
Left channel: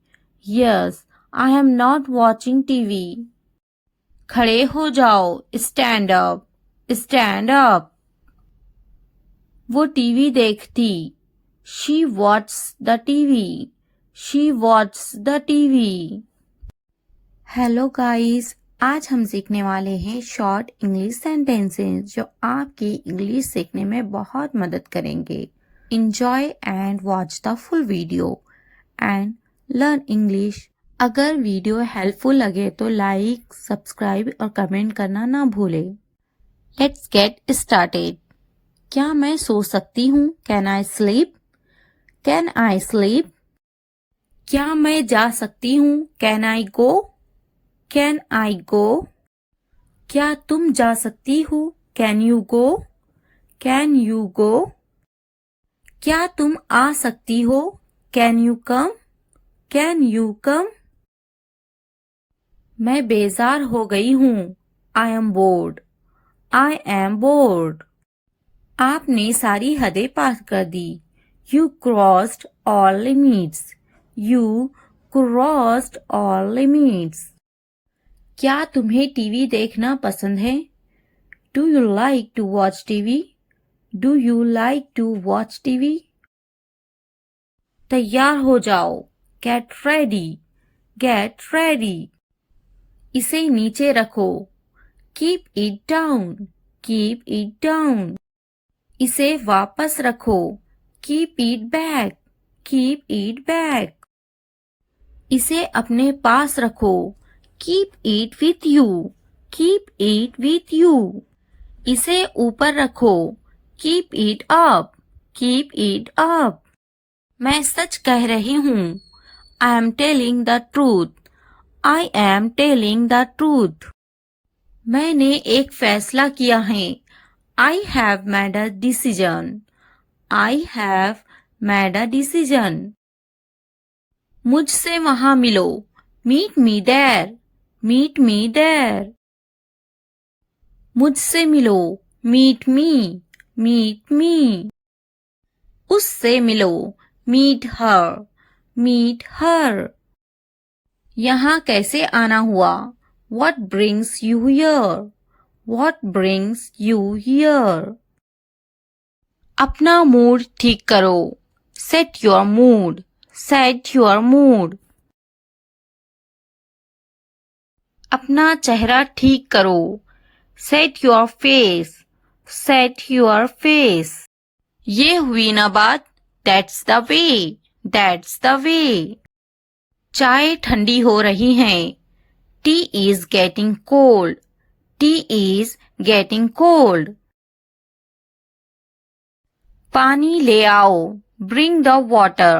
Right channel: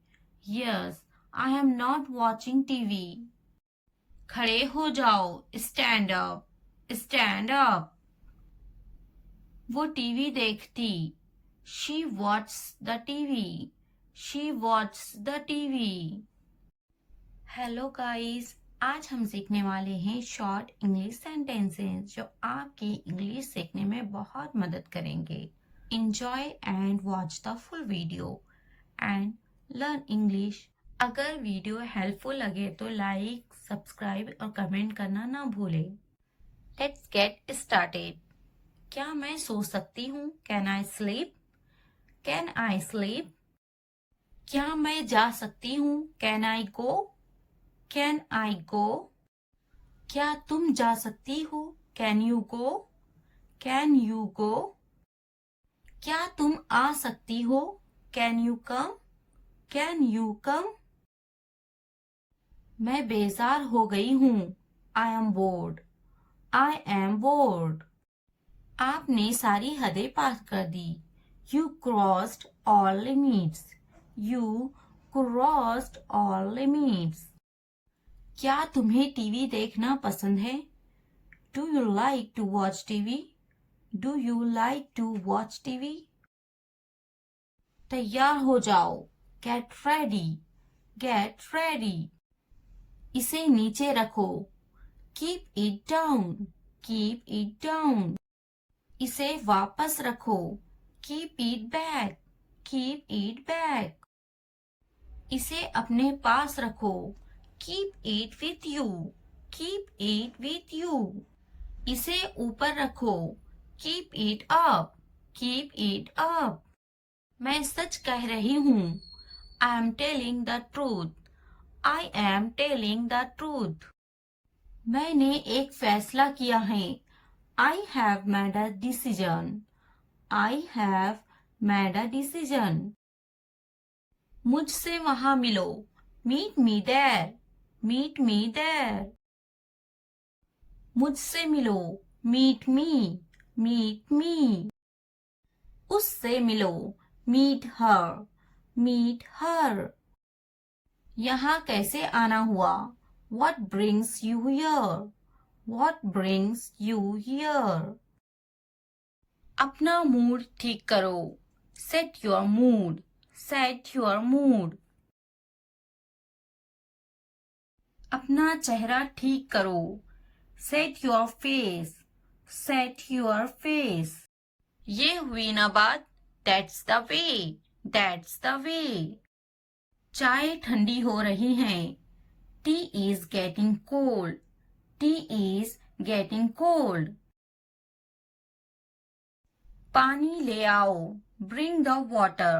Yes, I am not watching TV. खड़े हो जाओ। Stand up. Stand up. वो टीवी देखती। She watched the TV. She watched the TV. Hello guys, आज हम सीखने वाले हैं शॉर्ट इंग्लिश सेंटेंसेस जो आपकी इंग्लिश सीखने में बहुत मदद करेंगे। Enjoy and watch the full video and learn English. अगर वीडियो हेल्पफुल लगे तो लाइक, सब्सक्राइब और कमेंट करना ना भूलें। Let's get started. क्या मैं सो सकती हूँ? Can I sleep? Can I sleep? क्या मैं जा सकती हूँ? Can I go? Can I go? क्या तुम जा सकती हो? Can you go? Can you go? क्या तुम आ सकती हो? Can you come? Can you come? मैं बेजार हो गई हूँ। I am bored. I am bored. आपने सारी हदें पार कर दी। You crossed all limits. You crossed all limits. क्या तुम्हें टीवी देखना पसंद है? Do you like to watch TV? Do you like to watch TV? तैयार हो जाओ। Get ready. Get ready. इसे नीचे रखो। Keep it down. Keep it down. इसे वापस रखो। Keep it back. Keep it back. इसे अपने पास रखो। Keep it with you. Keep it with you. इसे ऊपर रखो। Keep it up. Keep it up. मैं सच कह रही हूँ। I am telling the truth. I am telling the truth. मैंने एक फैसला किया है। I have made a decision. I have made a decision. मुझसे वहां मिलो। Meet me there. Meet me there. मुझसे मिलो। Meet me. Meet me. उससे मिलो। Meet her. Meet her. यहाँ कैसे आना हुआ? What brings you here? What brings you here? अपना मूड ठीक करो। Set your mood. Set your mood. अपना चेहरा ठीक करो। Set your face. Set your face. ये हुई ना बात। That's the way. That's the way. चाय ठंडी हो रही है। Tea is getting cold. Tea is getting cold. पानी ले आओ। Bring the water.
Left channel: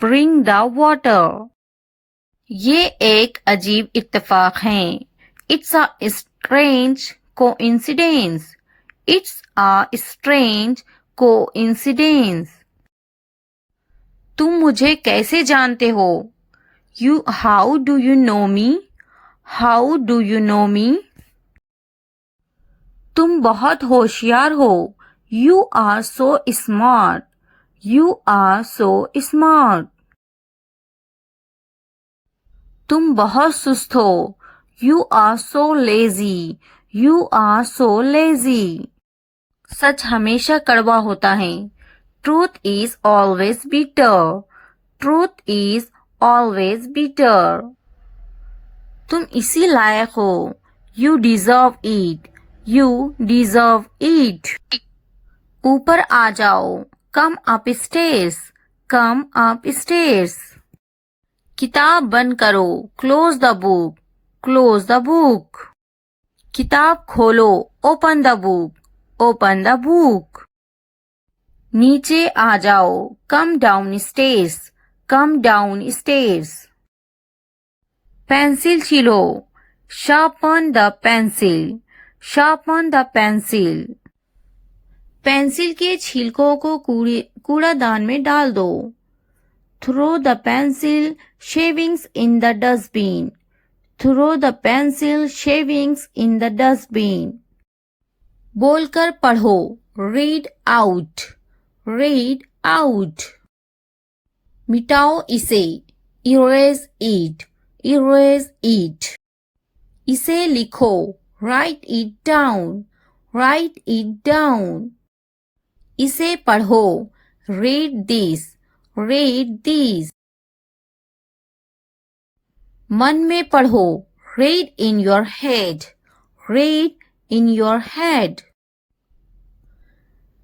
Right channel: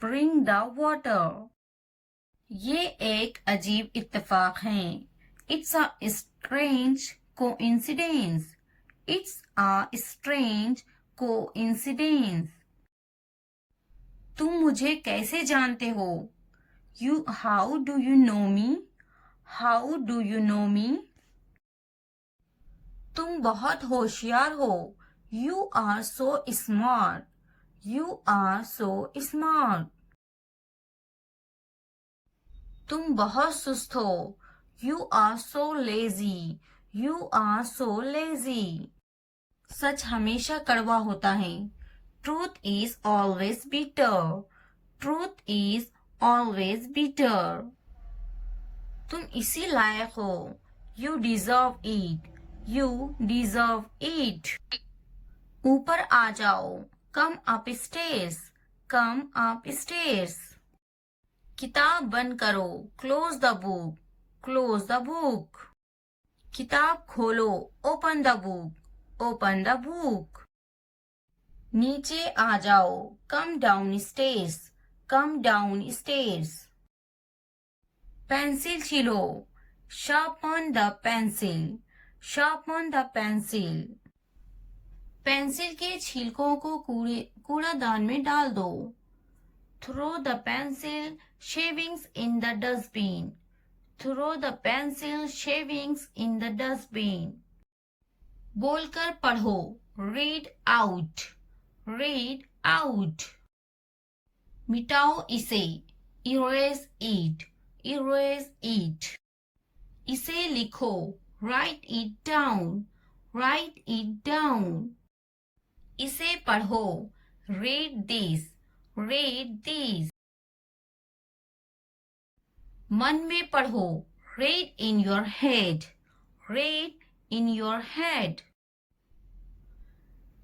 Bring the water. ये एक अजीब इत्तेफाक है। It's a strange coincidence. It's a strange coincidence. तुम मुझे कैसे जानते हो? How do you know me? How do you know me? तुम बहुत होशियार हो। You are so smart. You are so smart. तुम बहुत सुस्त हो। You are so lazy. You are so lazy. सच हमेशा कड़वा होता है। Truth is always bitter. Truth is always bitter. तुम इसी लायक हो। You deserve it. You deserve it. ऊपर आ जाओ, come upstairs, come upstairs. किताब बंद करो, close the book, close the book. किताब खोलो, open the book, open the book. नीचे आ जाओ, come down stairs, come down stairs. Pencil छीलो, sharpen the pencil, sharpen the pencil. Pencil के छिलकों को कूड़ादान में डाल दो। Throw the pencil shavings in the dustbin, throw the pencil shavings in the dustbin. बोलकर पढ़ो, रीड आउट, रीड आउट। मिटाओ इसे, इरेज इट, इरेज इट। इसे लिखो, write it down, write it down. इसे पढ़ो, रीड दिस, रीड दिस। मन में पढ़ो, read in your head, read in your head.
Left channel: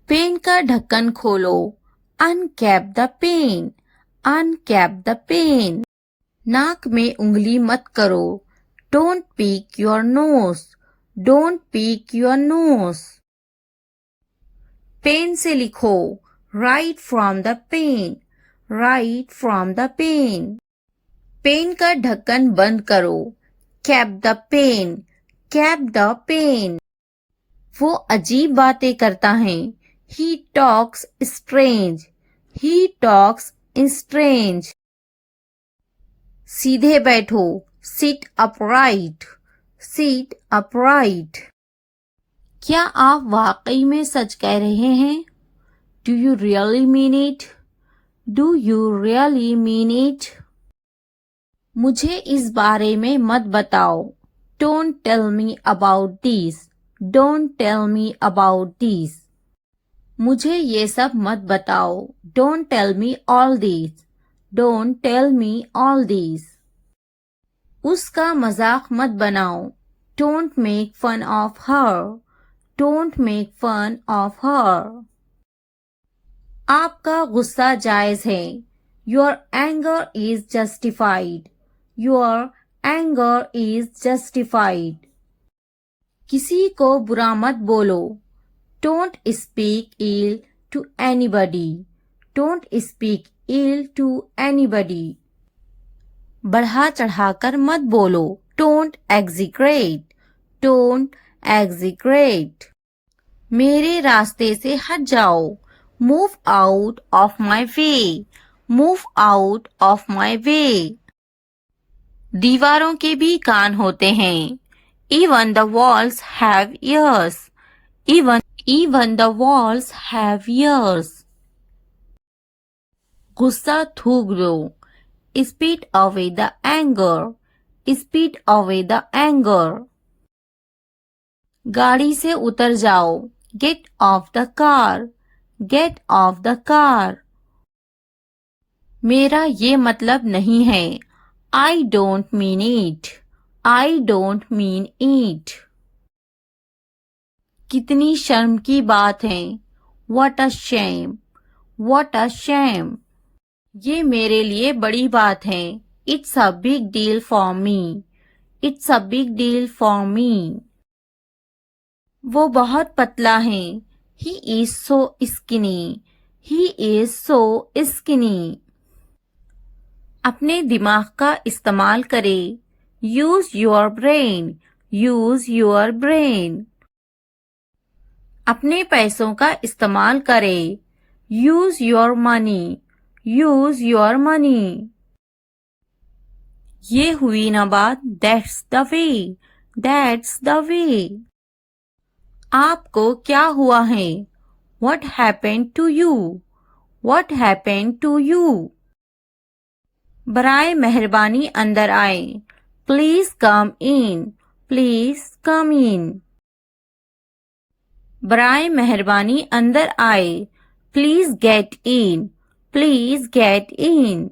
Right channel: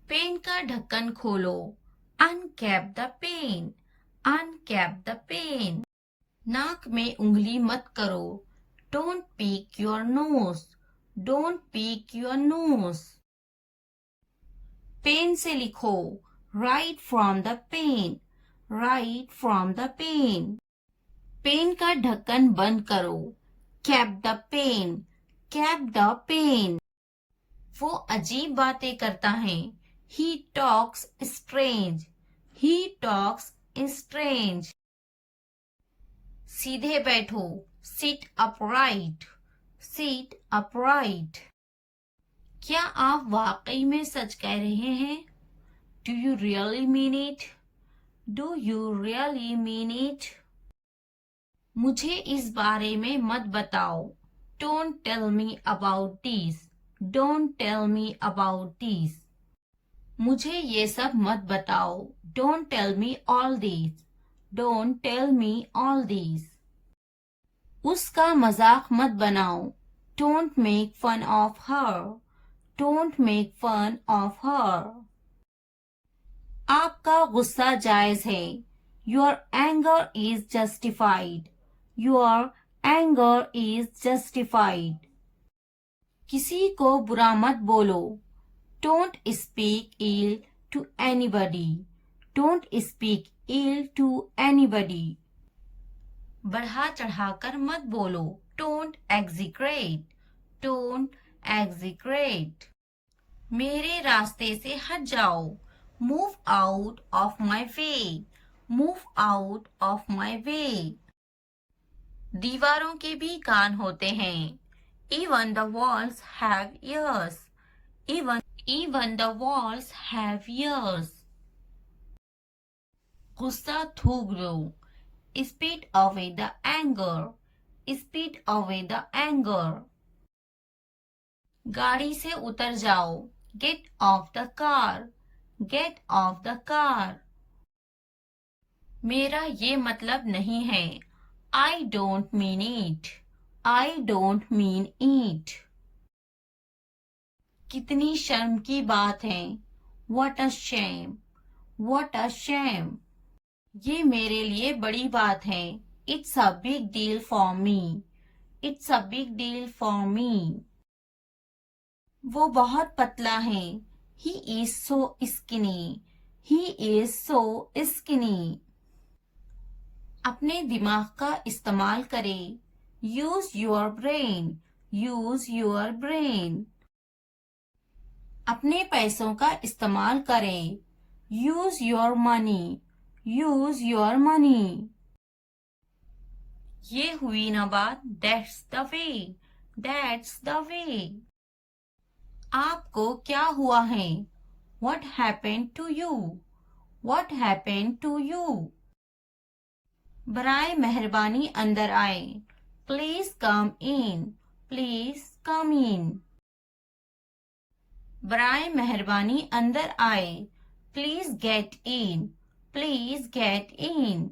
Pen का ढक्कन खोलो, uncap the pen, uncap the pen. नाक में उंगली मत करो, don't pick your nose, don't pick your nose. Pen से लिखो, write from the pen, write from the pen. Pen का ढक्कन बंद करो, cap the pen, cap the pen. वो अजीब बातें करता है, he talks strange, he talks strange. सीधे बैठो, सिट अपराइट, सिट अपराइट। क्या आप वाकई में सच कह रहे हैं? Do you really mean it, do you really mean it. मुझे इस बारे में मत बताओ, don't tell me about this, don't tell me about this. मुझे ये सब मत बताओ, don't tell me all this, don't tell me all this. उसका मजाक मत बनाओ, don't make fun of her, don't make fun of her. आपका गुस्सा जायज है, your anger is justified, your anger is justified. किसी को बुरा मत बोलो, don't speak ill to anybody, don't speak ill to anybody. बढ़ा चढ़ाकर मत बोलो, डोंट एग्जीक्रेट, डोंट एग्जीक्रेट। मेरे रास्ते से हट जाओ, move out of my way, move out of my way. दीवारों के भी कान होते हैं, even the walls have ears, even the walls have ears. गुस्सा थूक दो, spit away the anger, spit away the anger. गाड़ी से उतर जाओ, get off the car, get off the car. मेरा ये मतलब नहीं है, I don't mean it, I don't mean it. कितनी शर्म की बात है, what a shame, what a shame. ये मेरे लिए बड़ी बात है, it's a big deal for me, it's a big deal for me. वो बहुत पतला है, he is so skinny, he is so skinny. अपने दिमाग का इस्तेमाल करें, use your brain, use your brain. अपने पैसों का इस्तेमाल करें, use your money, use your money. ये हुई ना बात, that's the way, that's the way. आपको क्या हुआ है, what happened to you, what happened to you. बराए मेहरबानी अंदर आए, please come in, please come इन। बराए मेहरबानी अंदर आए, please get in, please get in.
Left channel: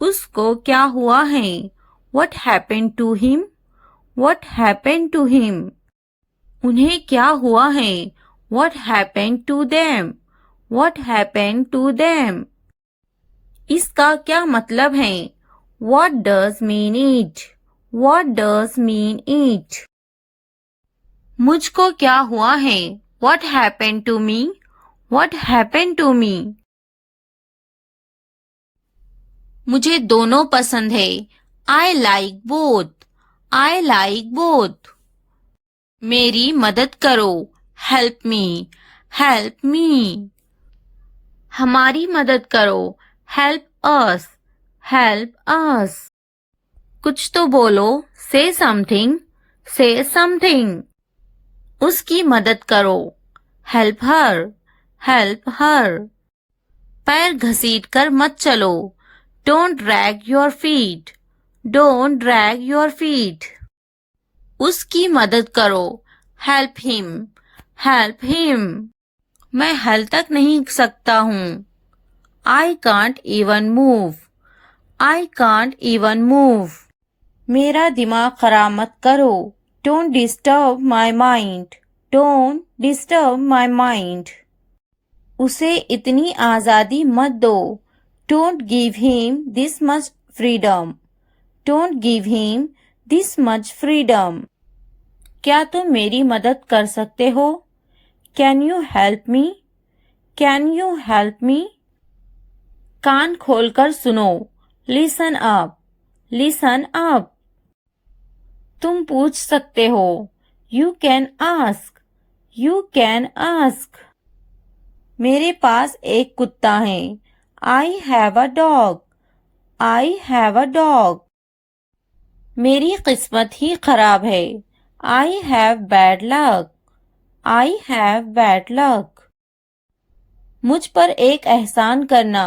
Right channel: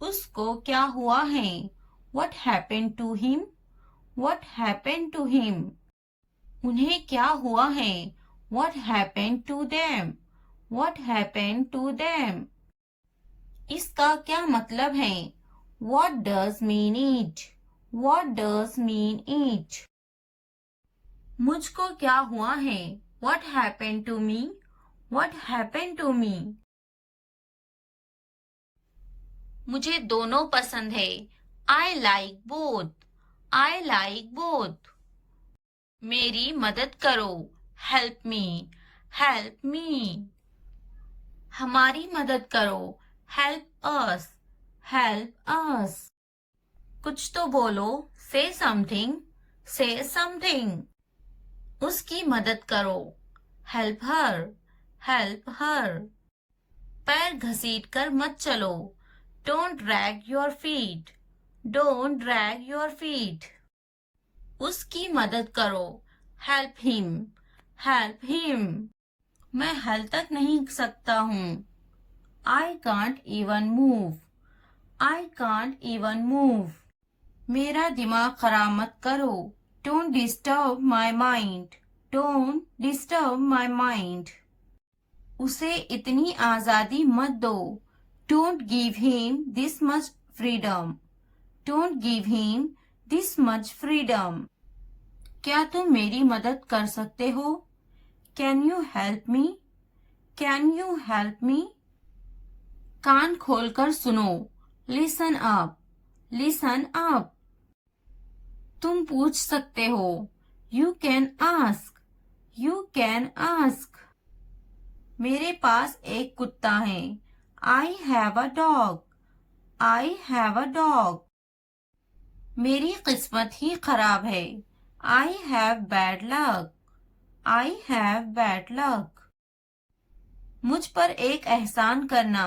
उसको क्या हुआ है, what happened to him, what happened to him. उन्हें क्या हुआ है, What happened to them? What happened to them? इसका क्या मतलब है? What does mean it? What does mean it? मुझको क्या हुआ है? What happened to me? What happened to me? मुझे दोनों पसंद है. I like both. I like both. मेरी मदद करो. Help me. Help me. हमारी मदद करो. Help us. Help us. कुछ तो बोलो. Say something. Say something. उसकी मदद करो. Help her. Help her. पैर घसीट कर मत चलो. Don't drag your feet. Don't drag your feet. उसकी मदद करो. Help him. Help him. मैं हल तक नहीं सकता हूँ. I can't even move. I can't even move. मेरा दिमाग खराब मत करो. Don't disturb my mind. Don't disturb my mind. उसे इतनी आज़ादी मत दो. Don't give him this much freedom. Don't give him this much freedom. क्या तुम मेरी मदद कर सकते हो? Can you help me? Can you help me? कान खोलकर सुनो. Listen up. Listen up. तुम पूछ सकते हो. You can ask. You can ask. मेरे पास एक कुत्ता है. I have a dog. I have a dog. मेरी किस्मत ही खराब है. I have bad luck. I have bad luck. मुझ पर एक एहसान करना.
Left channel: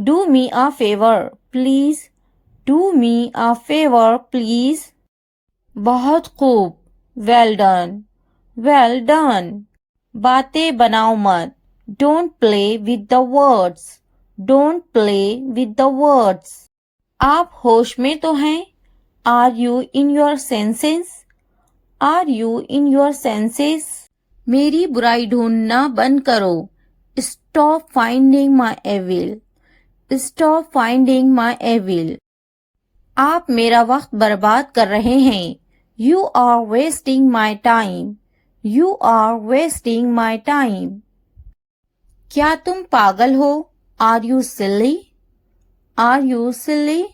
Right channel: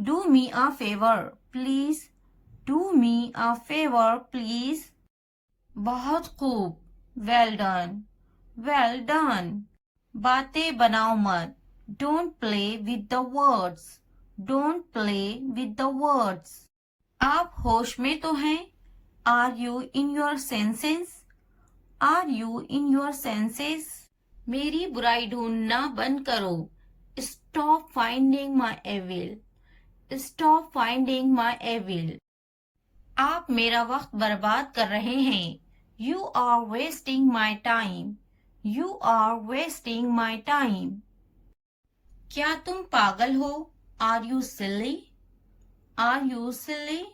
Do me a favor, please. Do me a favor, please. बहुत खूब. Well done. Well done. बातें बनाओ मत. Don't play with the words. Don't play with the words. आप होश में तो हैं? Are you in your senses? Are you in your senses? मेरी बुराई ढूंढना बंद करो. Stop finding my evil. Stop finding my evil. आप मेरा वक्त बर्बाद कर रहे हैं. You are wasting my time. You are wasting my time. क्या तुम पागल हो? Are you silly? Are you silly?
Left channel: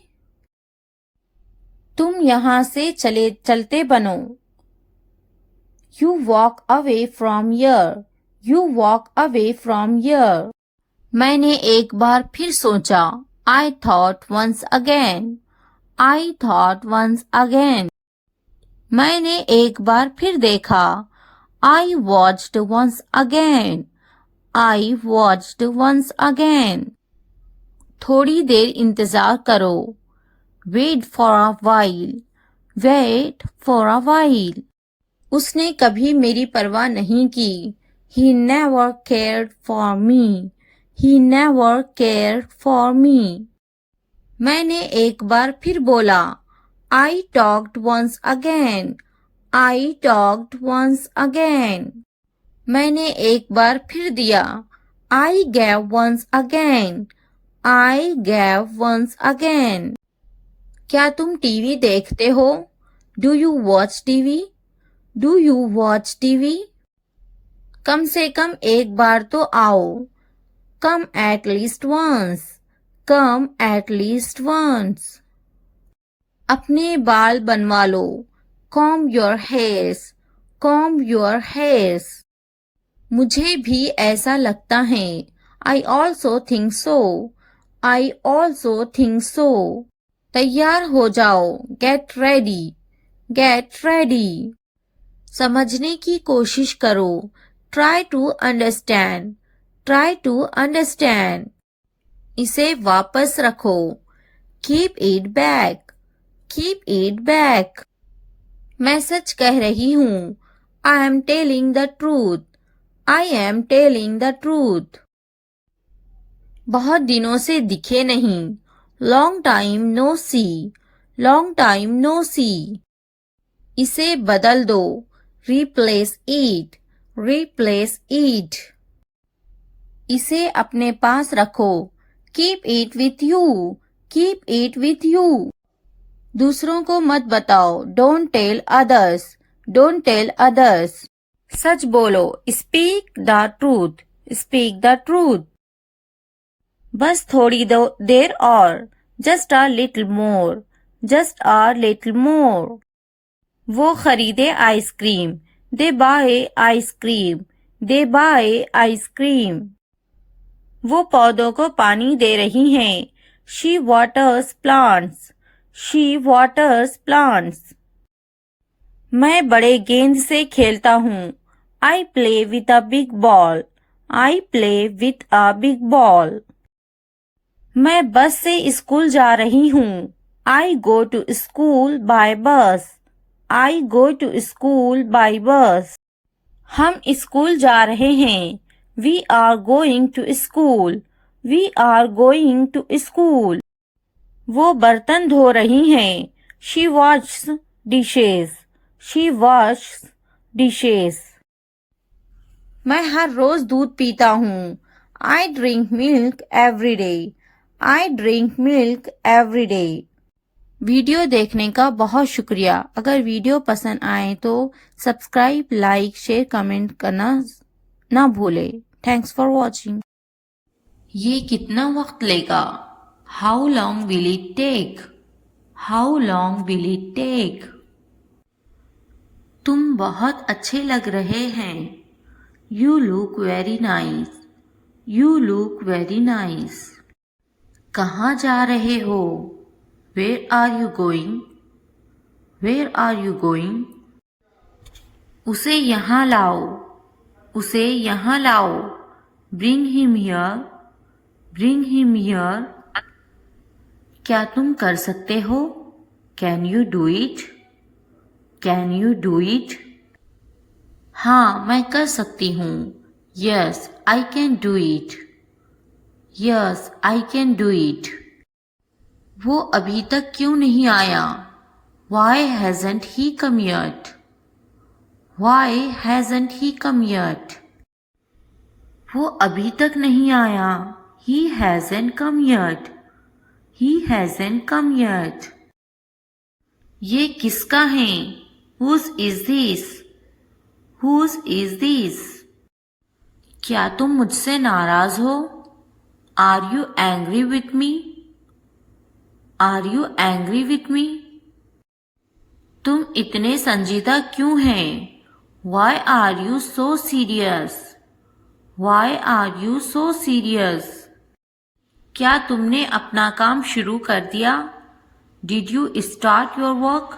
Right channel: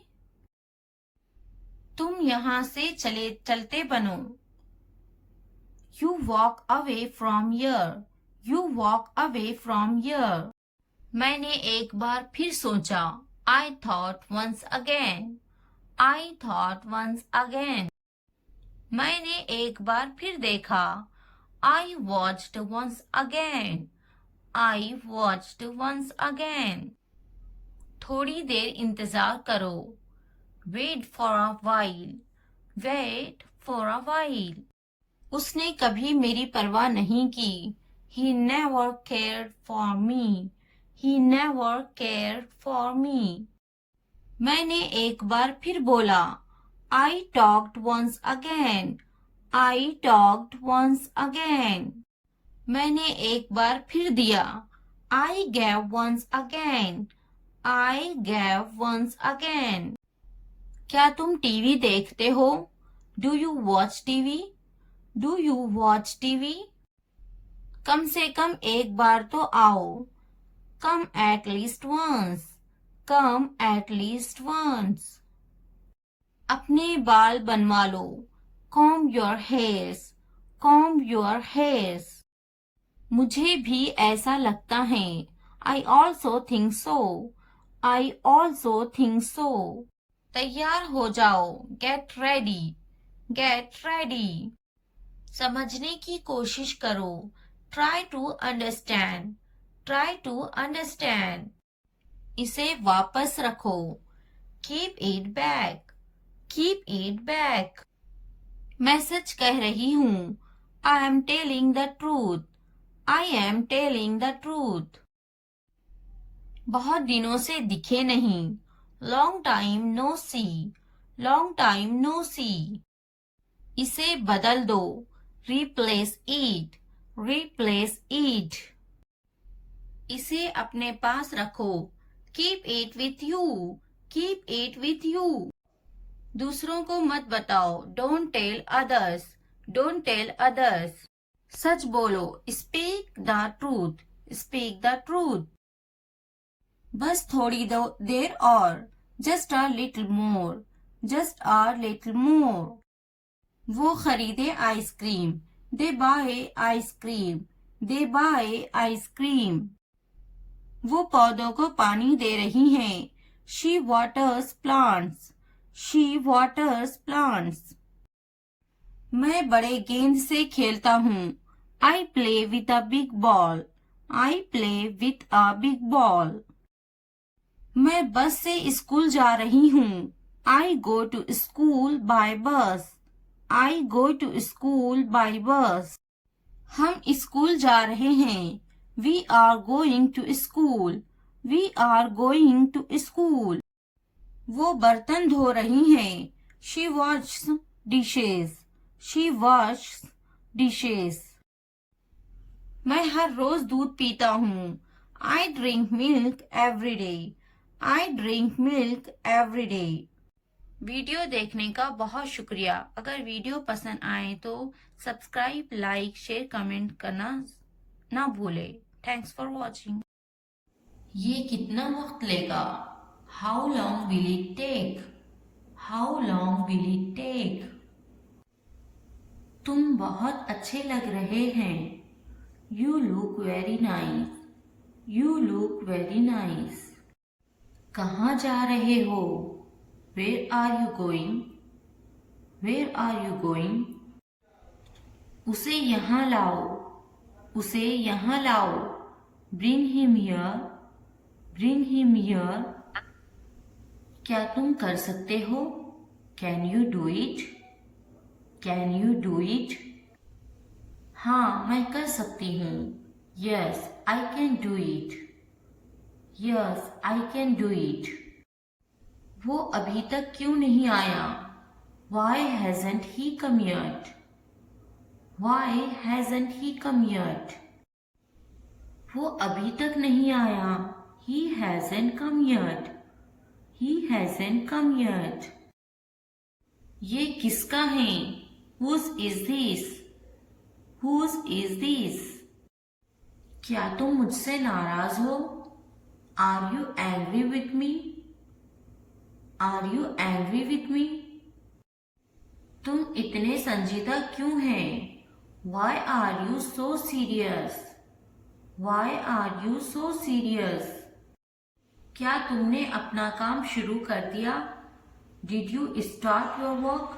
तुम यहाँ से चलते बनो. You walk away from here. You walk away from here. मैंने एक बार फिर सोचा. I thought once again. I thought once again. मैंने एक बार फिर देखा. I watched once again. I watched once again. थोड़ी देर इंतजार करो. Wait for a while. Wait for a while. उसने कभी मेरी परवाह नहीं की. He never cared for me. He never cared for me. मैंने एक बार फिर बोला. I talked once again. I talked once again. मैंने एक बार फिर दिया. I gave once again. I gave once again. क्या तुम टीवी देखते हो? Do you watch TV? Do you watch TV? कम से कम एक बार तो आओ. Come at least once. Come at least once. अपने बाल बनवा लो. Comb your hairs. Comb your hairs. मुझे भी ऐसा लगता है. I also think so. I also think so. तैयार हो जाओ. Get ready. Get ready. समझने की कोशिश करो. Try to understand. Try to understand. इसे वापस रखो. Keep it back. Keep it back. मैं सच कह रही हूँ. I am telling the truth. I am telling the truth. बहुत दिनों से दिखे नहीं. Long time no see. Long time no see. इसे बदल दो. Replace it. Replace it. इसे अपने पास रखो. Keep it with you. Keep it with you. दूसरों को मत बताओ. Don't tell others. Don't tell others. सच बोलो. Speak the truth. Speak the truth. बस थोड़ी देर और. Just a little more. Just a little more. वो खरीदे ice cream. They buy ice cream. They buy ice cream. वो पौधों को पानी दे रही हैं. She waters plants. She waters plants. मैं बड़े गेंद से खेलता हूँ. I play with a big ball. I play with a big ball. मैं बस से स्कूल जा रही हूँ. I go to school by bus. I go to school by bus. हम स्कूल जा रहे हैं. We are going to school. We are going to school. वो बर्तन धो रही हैं. She washes dishes. She washes dishes. मैं हर रोज दूध पीता हूँ. I drink milk every day. I drink milk every day. Video देखने का बहुत शुक्रिया. अगर वीडियो पसंद आए तो सब्सक्राइब, लाइक, शेयर, कमेंट करना ना भूले. Thanks for watching. ये कितना वक्त लेगा? How long will it take? How long will it take? तुम बहुत अच्छे लग रहे हैं. You look very nice. You look very nice. कहाँ जा रहे हो? Where are you going? Where are you going? उसे यहाँ लाओ. उसे यहाँ लाओ. Bring him here. Bring him here. क्या तुम कर सकते हो? Can you do it? Can you do it? हाँ, मैं कर सकती हूँ. Yes, I can do it. Yes, I can do it. वो अभी तक क्यों नहीं आया? Why hasn't he come yet? Why hasn't he come yet? वो अभी तक नहीं आया. He hasn't come yet. He hasn't come yet. ये किसका है? Whose is this? Whose is this? क्या तुम मुझसे नाराज हो? Are you angry with me? Are you angry with me? तुम इतने संजीदा क्यों हैं? Why are you so serious? Why are you so serious? क्या तुमने अपना काम शुरू कर दिया? Did you start your work?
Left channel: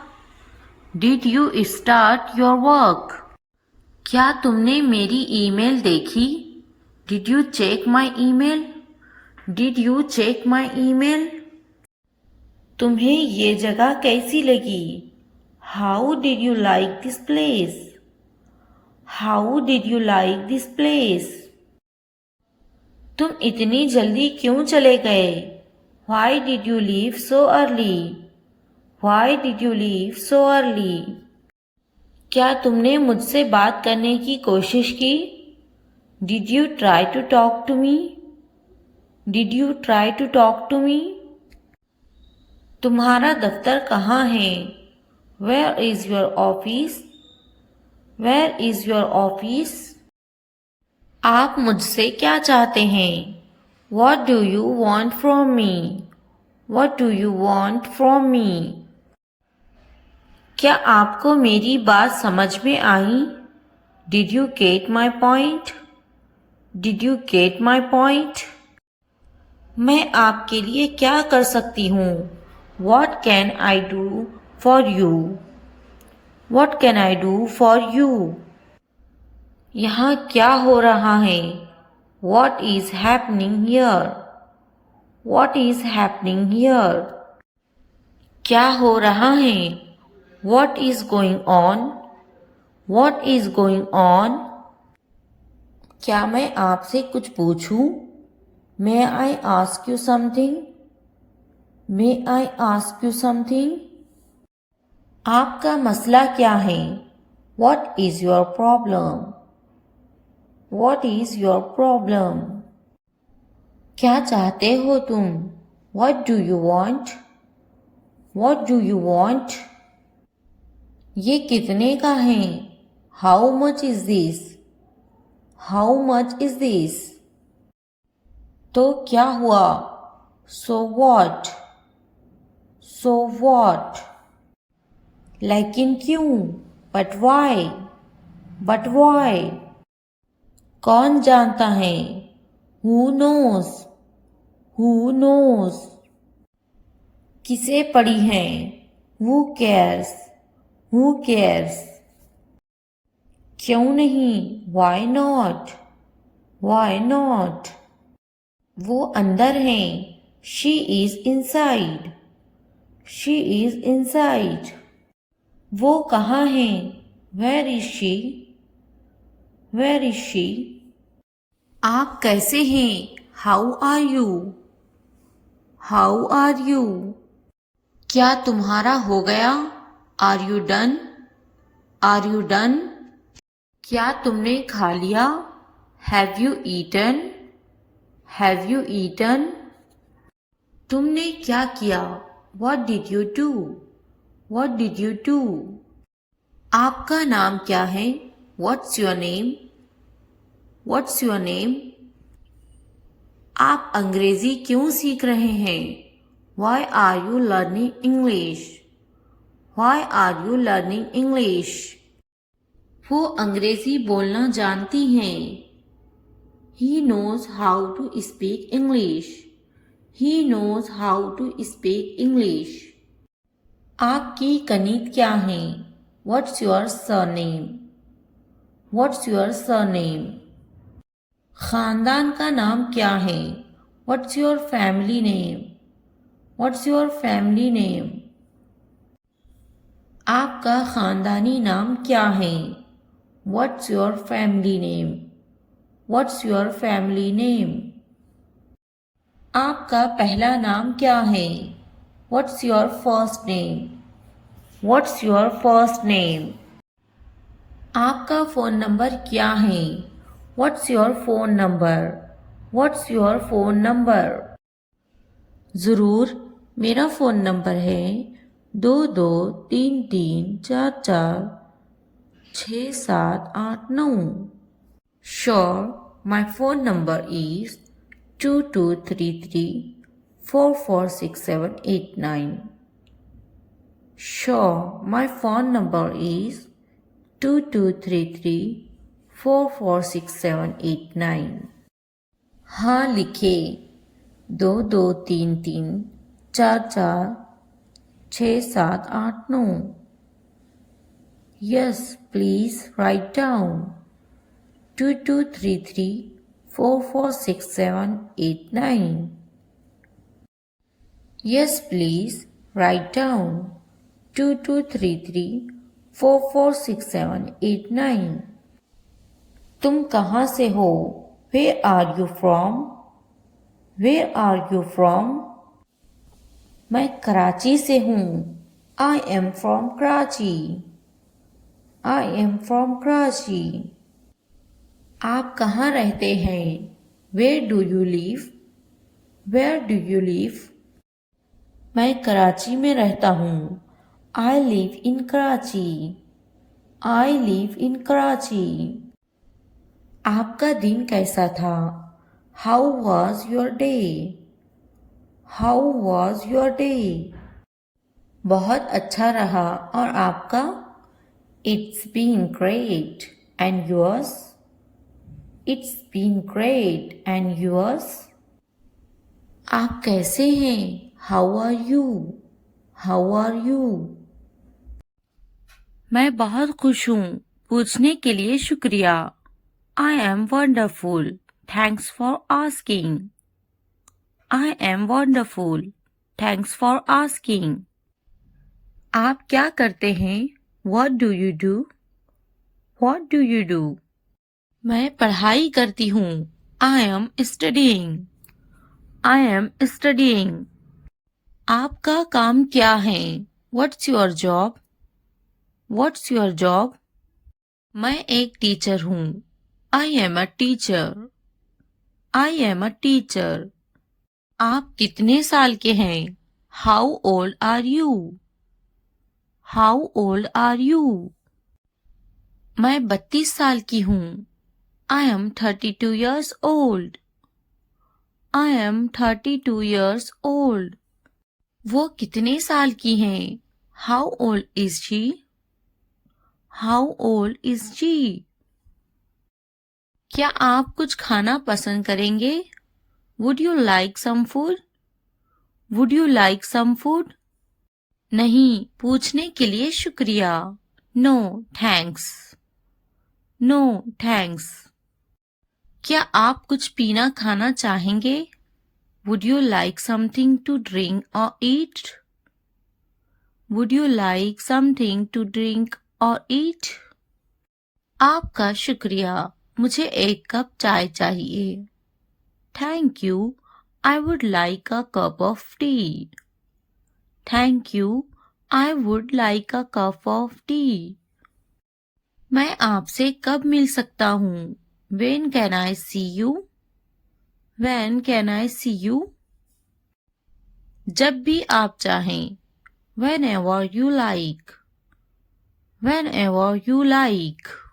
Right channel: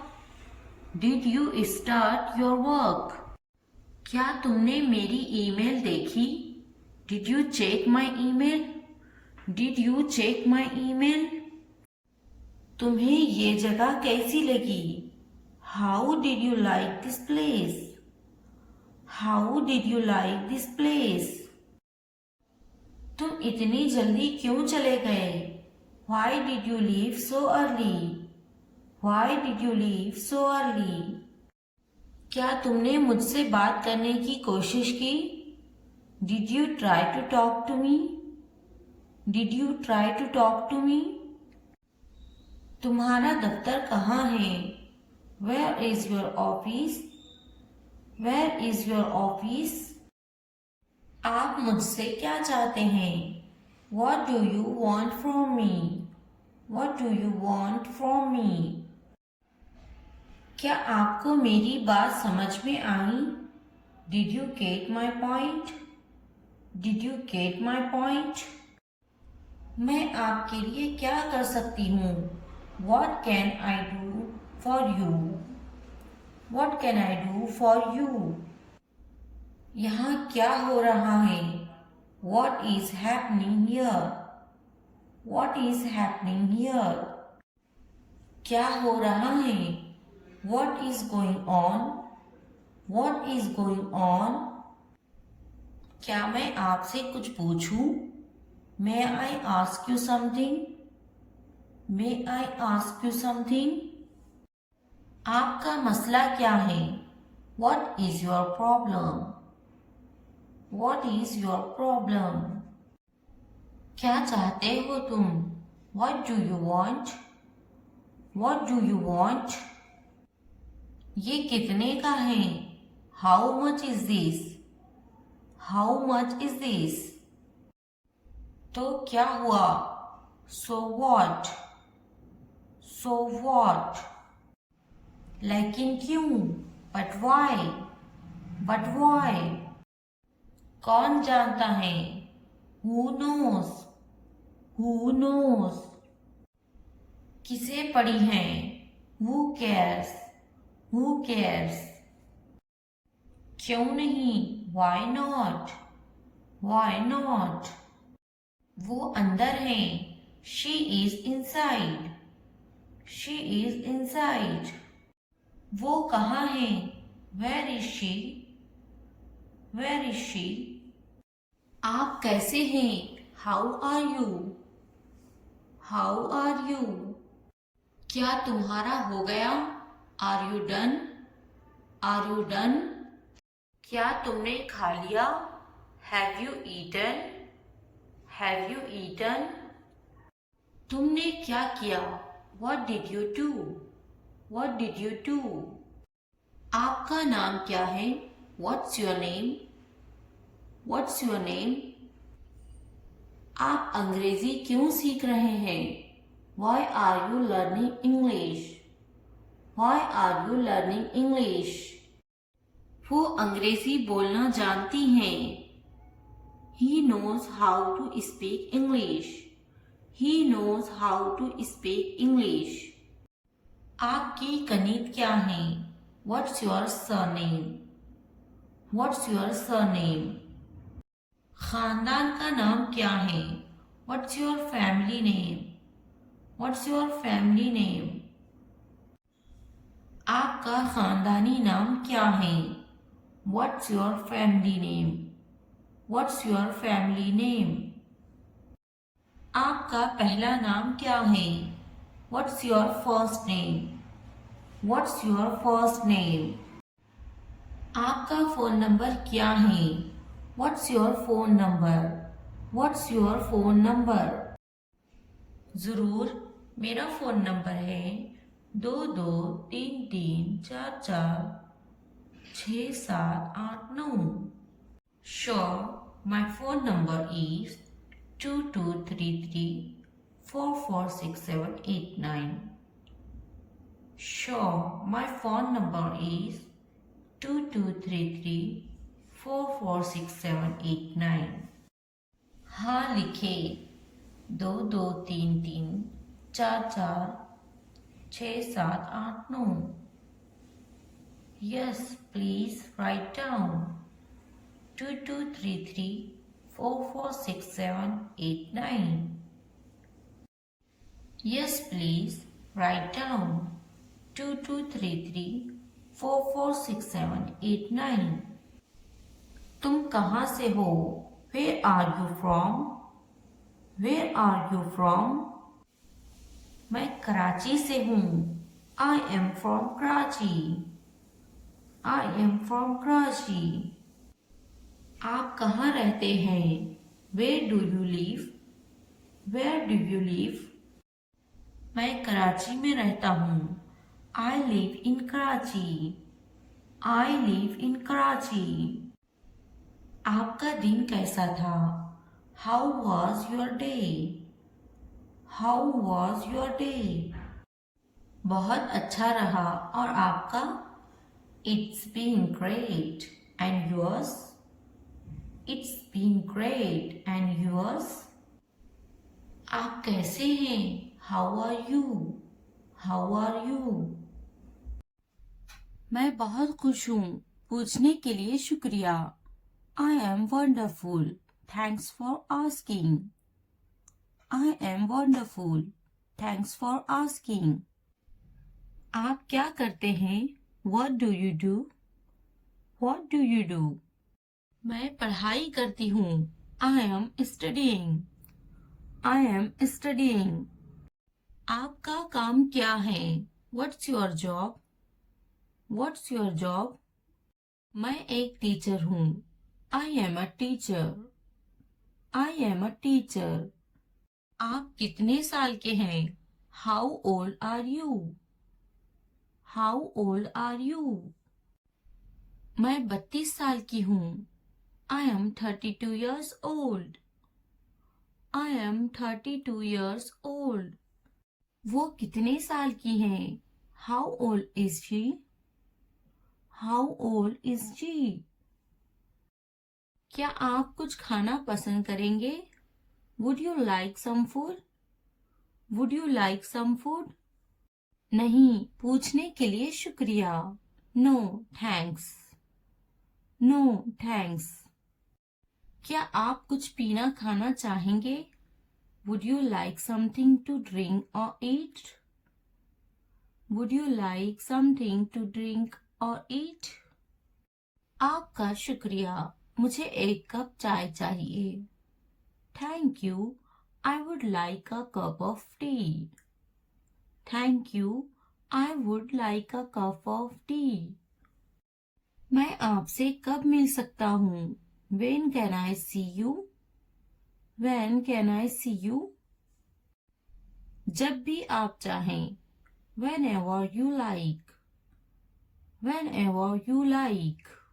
Did you start your work? क्या तुमने मेरी ईमेल देखी? Did you check my email? Did you check my email? तुम्हें ये जगह कैसी लगी? How did you like this place? How did you like this place? तुम इतनी जल्दी क्यों चले गए? Why did you leave so early? Why did you leave so early? क्या तुमने मुझसे बात करने की कोशिश की? Did you try to talk to me? Did you try to talk to me? तुम्हारा दफ्तर कहाँ है? Where is your office? Where is your office? आप मुझसे क्या चाहते हैं? What do you want from me? What do you want from me? क्या आपको मेरी बात समझ में आई? Did you get my point? Did you get my point? मैं आपके लिए क्या कर सकती हूँ? What can I do for you? What can I do for you? यहाँ क्या हो रहा है? What is happening here? What is happening here? क्या हो रहा है? What is going on? What is going on? क्या मैं आपसे कुछ पूछूं? May I ask you something? May I ask you something? आपका मसला क्या है? What is your problem? What is your problem? क्या चाहते हो तुम? What do you want? What do you want? ये कितने का है? How much is this? How much is this? तो क्या हुआ? So what? So what? लेकिन क्यों? But why? But why? कौन जानता है? Who knows? Who knows? किसे पड़ी है? Who cares? Who cares? क्यों नहीं? Why not? Why not? वो अंदर है. She is inside. She is inside. वो कहाँ है? Where is she? Where is she? आप कैसे हैं? How are you? How are you? क्या तुम्हारा हो गया? Are you done? Are you done? क्या तुमने खा लिया? Have you eaten? Have you eaten? तुमने क्या किया? What did you do? What did you do? आपका नाम क्या है? What's your name? What's your name? आप अंग्रेजी क्यों सीख रहे हैं? Why are you learning English? Why are you learning English? वो अंग्रेजी बोलना जानती हैं. He knows how to speak English. He knows how to speak English. आपकी कनीत क्या है? What's your surname? What's your surname? खानदान का नाम क्या है? What's your family name? What's your family name? आपका खानदानी नाम क्या है? What's your family name? What's your family name? आपका पहला नाम क्या है? What's your first name? What's your first name? आपका फ़ोन नंबर क्या है? What's your phone number? What's your phone number? ज़रूर, मेरा फ़ोन नंबर है 2233446789. Sure, my phone number is 2233446789. Sure, my phone number is 2233446789. हाँ लिखे 2233446789. Yes, please write down 2233446789. Yes, please write down 2233446789. तुम कहाँ से हो? Where are you from? Where are you from? मैं कराची से हूँ. I am from Karachi. I am from Karachi. आप कहाँ रहते हैं? Where do you live? Where do you live? मैं कराची में रहता हूँ. I live in Karachi. I live in Karachi. आपका दिन कैसा था? How was your day? How was your day? बहुत अच्छा रहा. और आपका? It's been great. And yours? It's been great. And yours? आप कैसे हैं? How are you? How are you? मैं बहुत खुश हूँ. पूछने के लिए शुक्रिया. I am wonderful. Thanks for asking. I am wonderful. Thanks for asking. आप क्या करते हैं? What do you do? What do you do? मैं पढ़ाई करती हूँ. I am studying. I am studying. आपका काम क्या है? What's your job? What's your job? मैं एक टीचर हूँ. I am a teacher. I am a teacher. आप कितने साल के हैं? How old are you? How old are you? मैं 32 साल की हूँ. I am 32 years old. I am 32 years old. वो कितने साल की हैं? How old is she? How old is she? क्या आप कुछ खाना पसंद करेंगे? Would you like some food? Would you like some food? नहीं, पूछने के लिए शुक्रिया. No, thanks. No, thanks. क्या आप कुछ पीना खाना चाहेंगे? Would you like something to drink or eat? Would you like something to drink or eat? आपका शुक्रिया. मुझे एक कप चाय चाहिए. Thank you. I would like a cup of tea. Thank you. I would like a cup of tea. मैं आपसे कब मिल सकता हूँ? When can I see you? When can I see you? जब भी आप चाहें. Whenever you like. Whenever you like.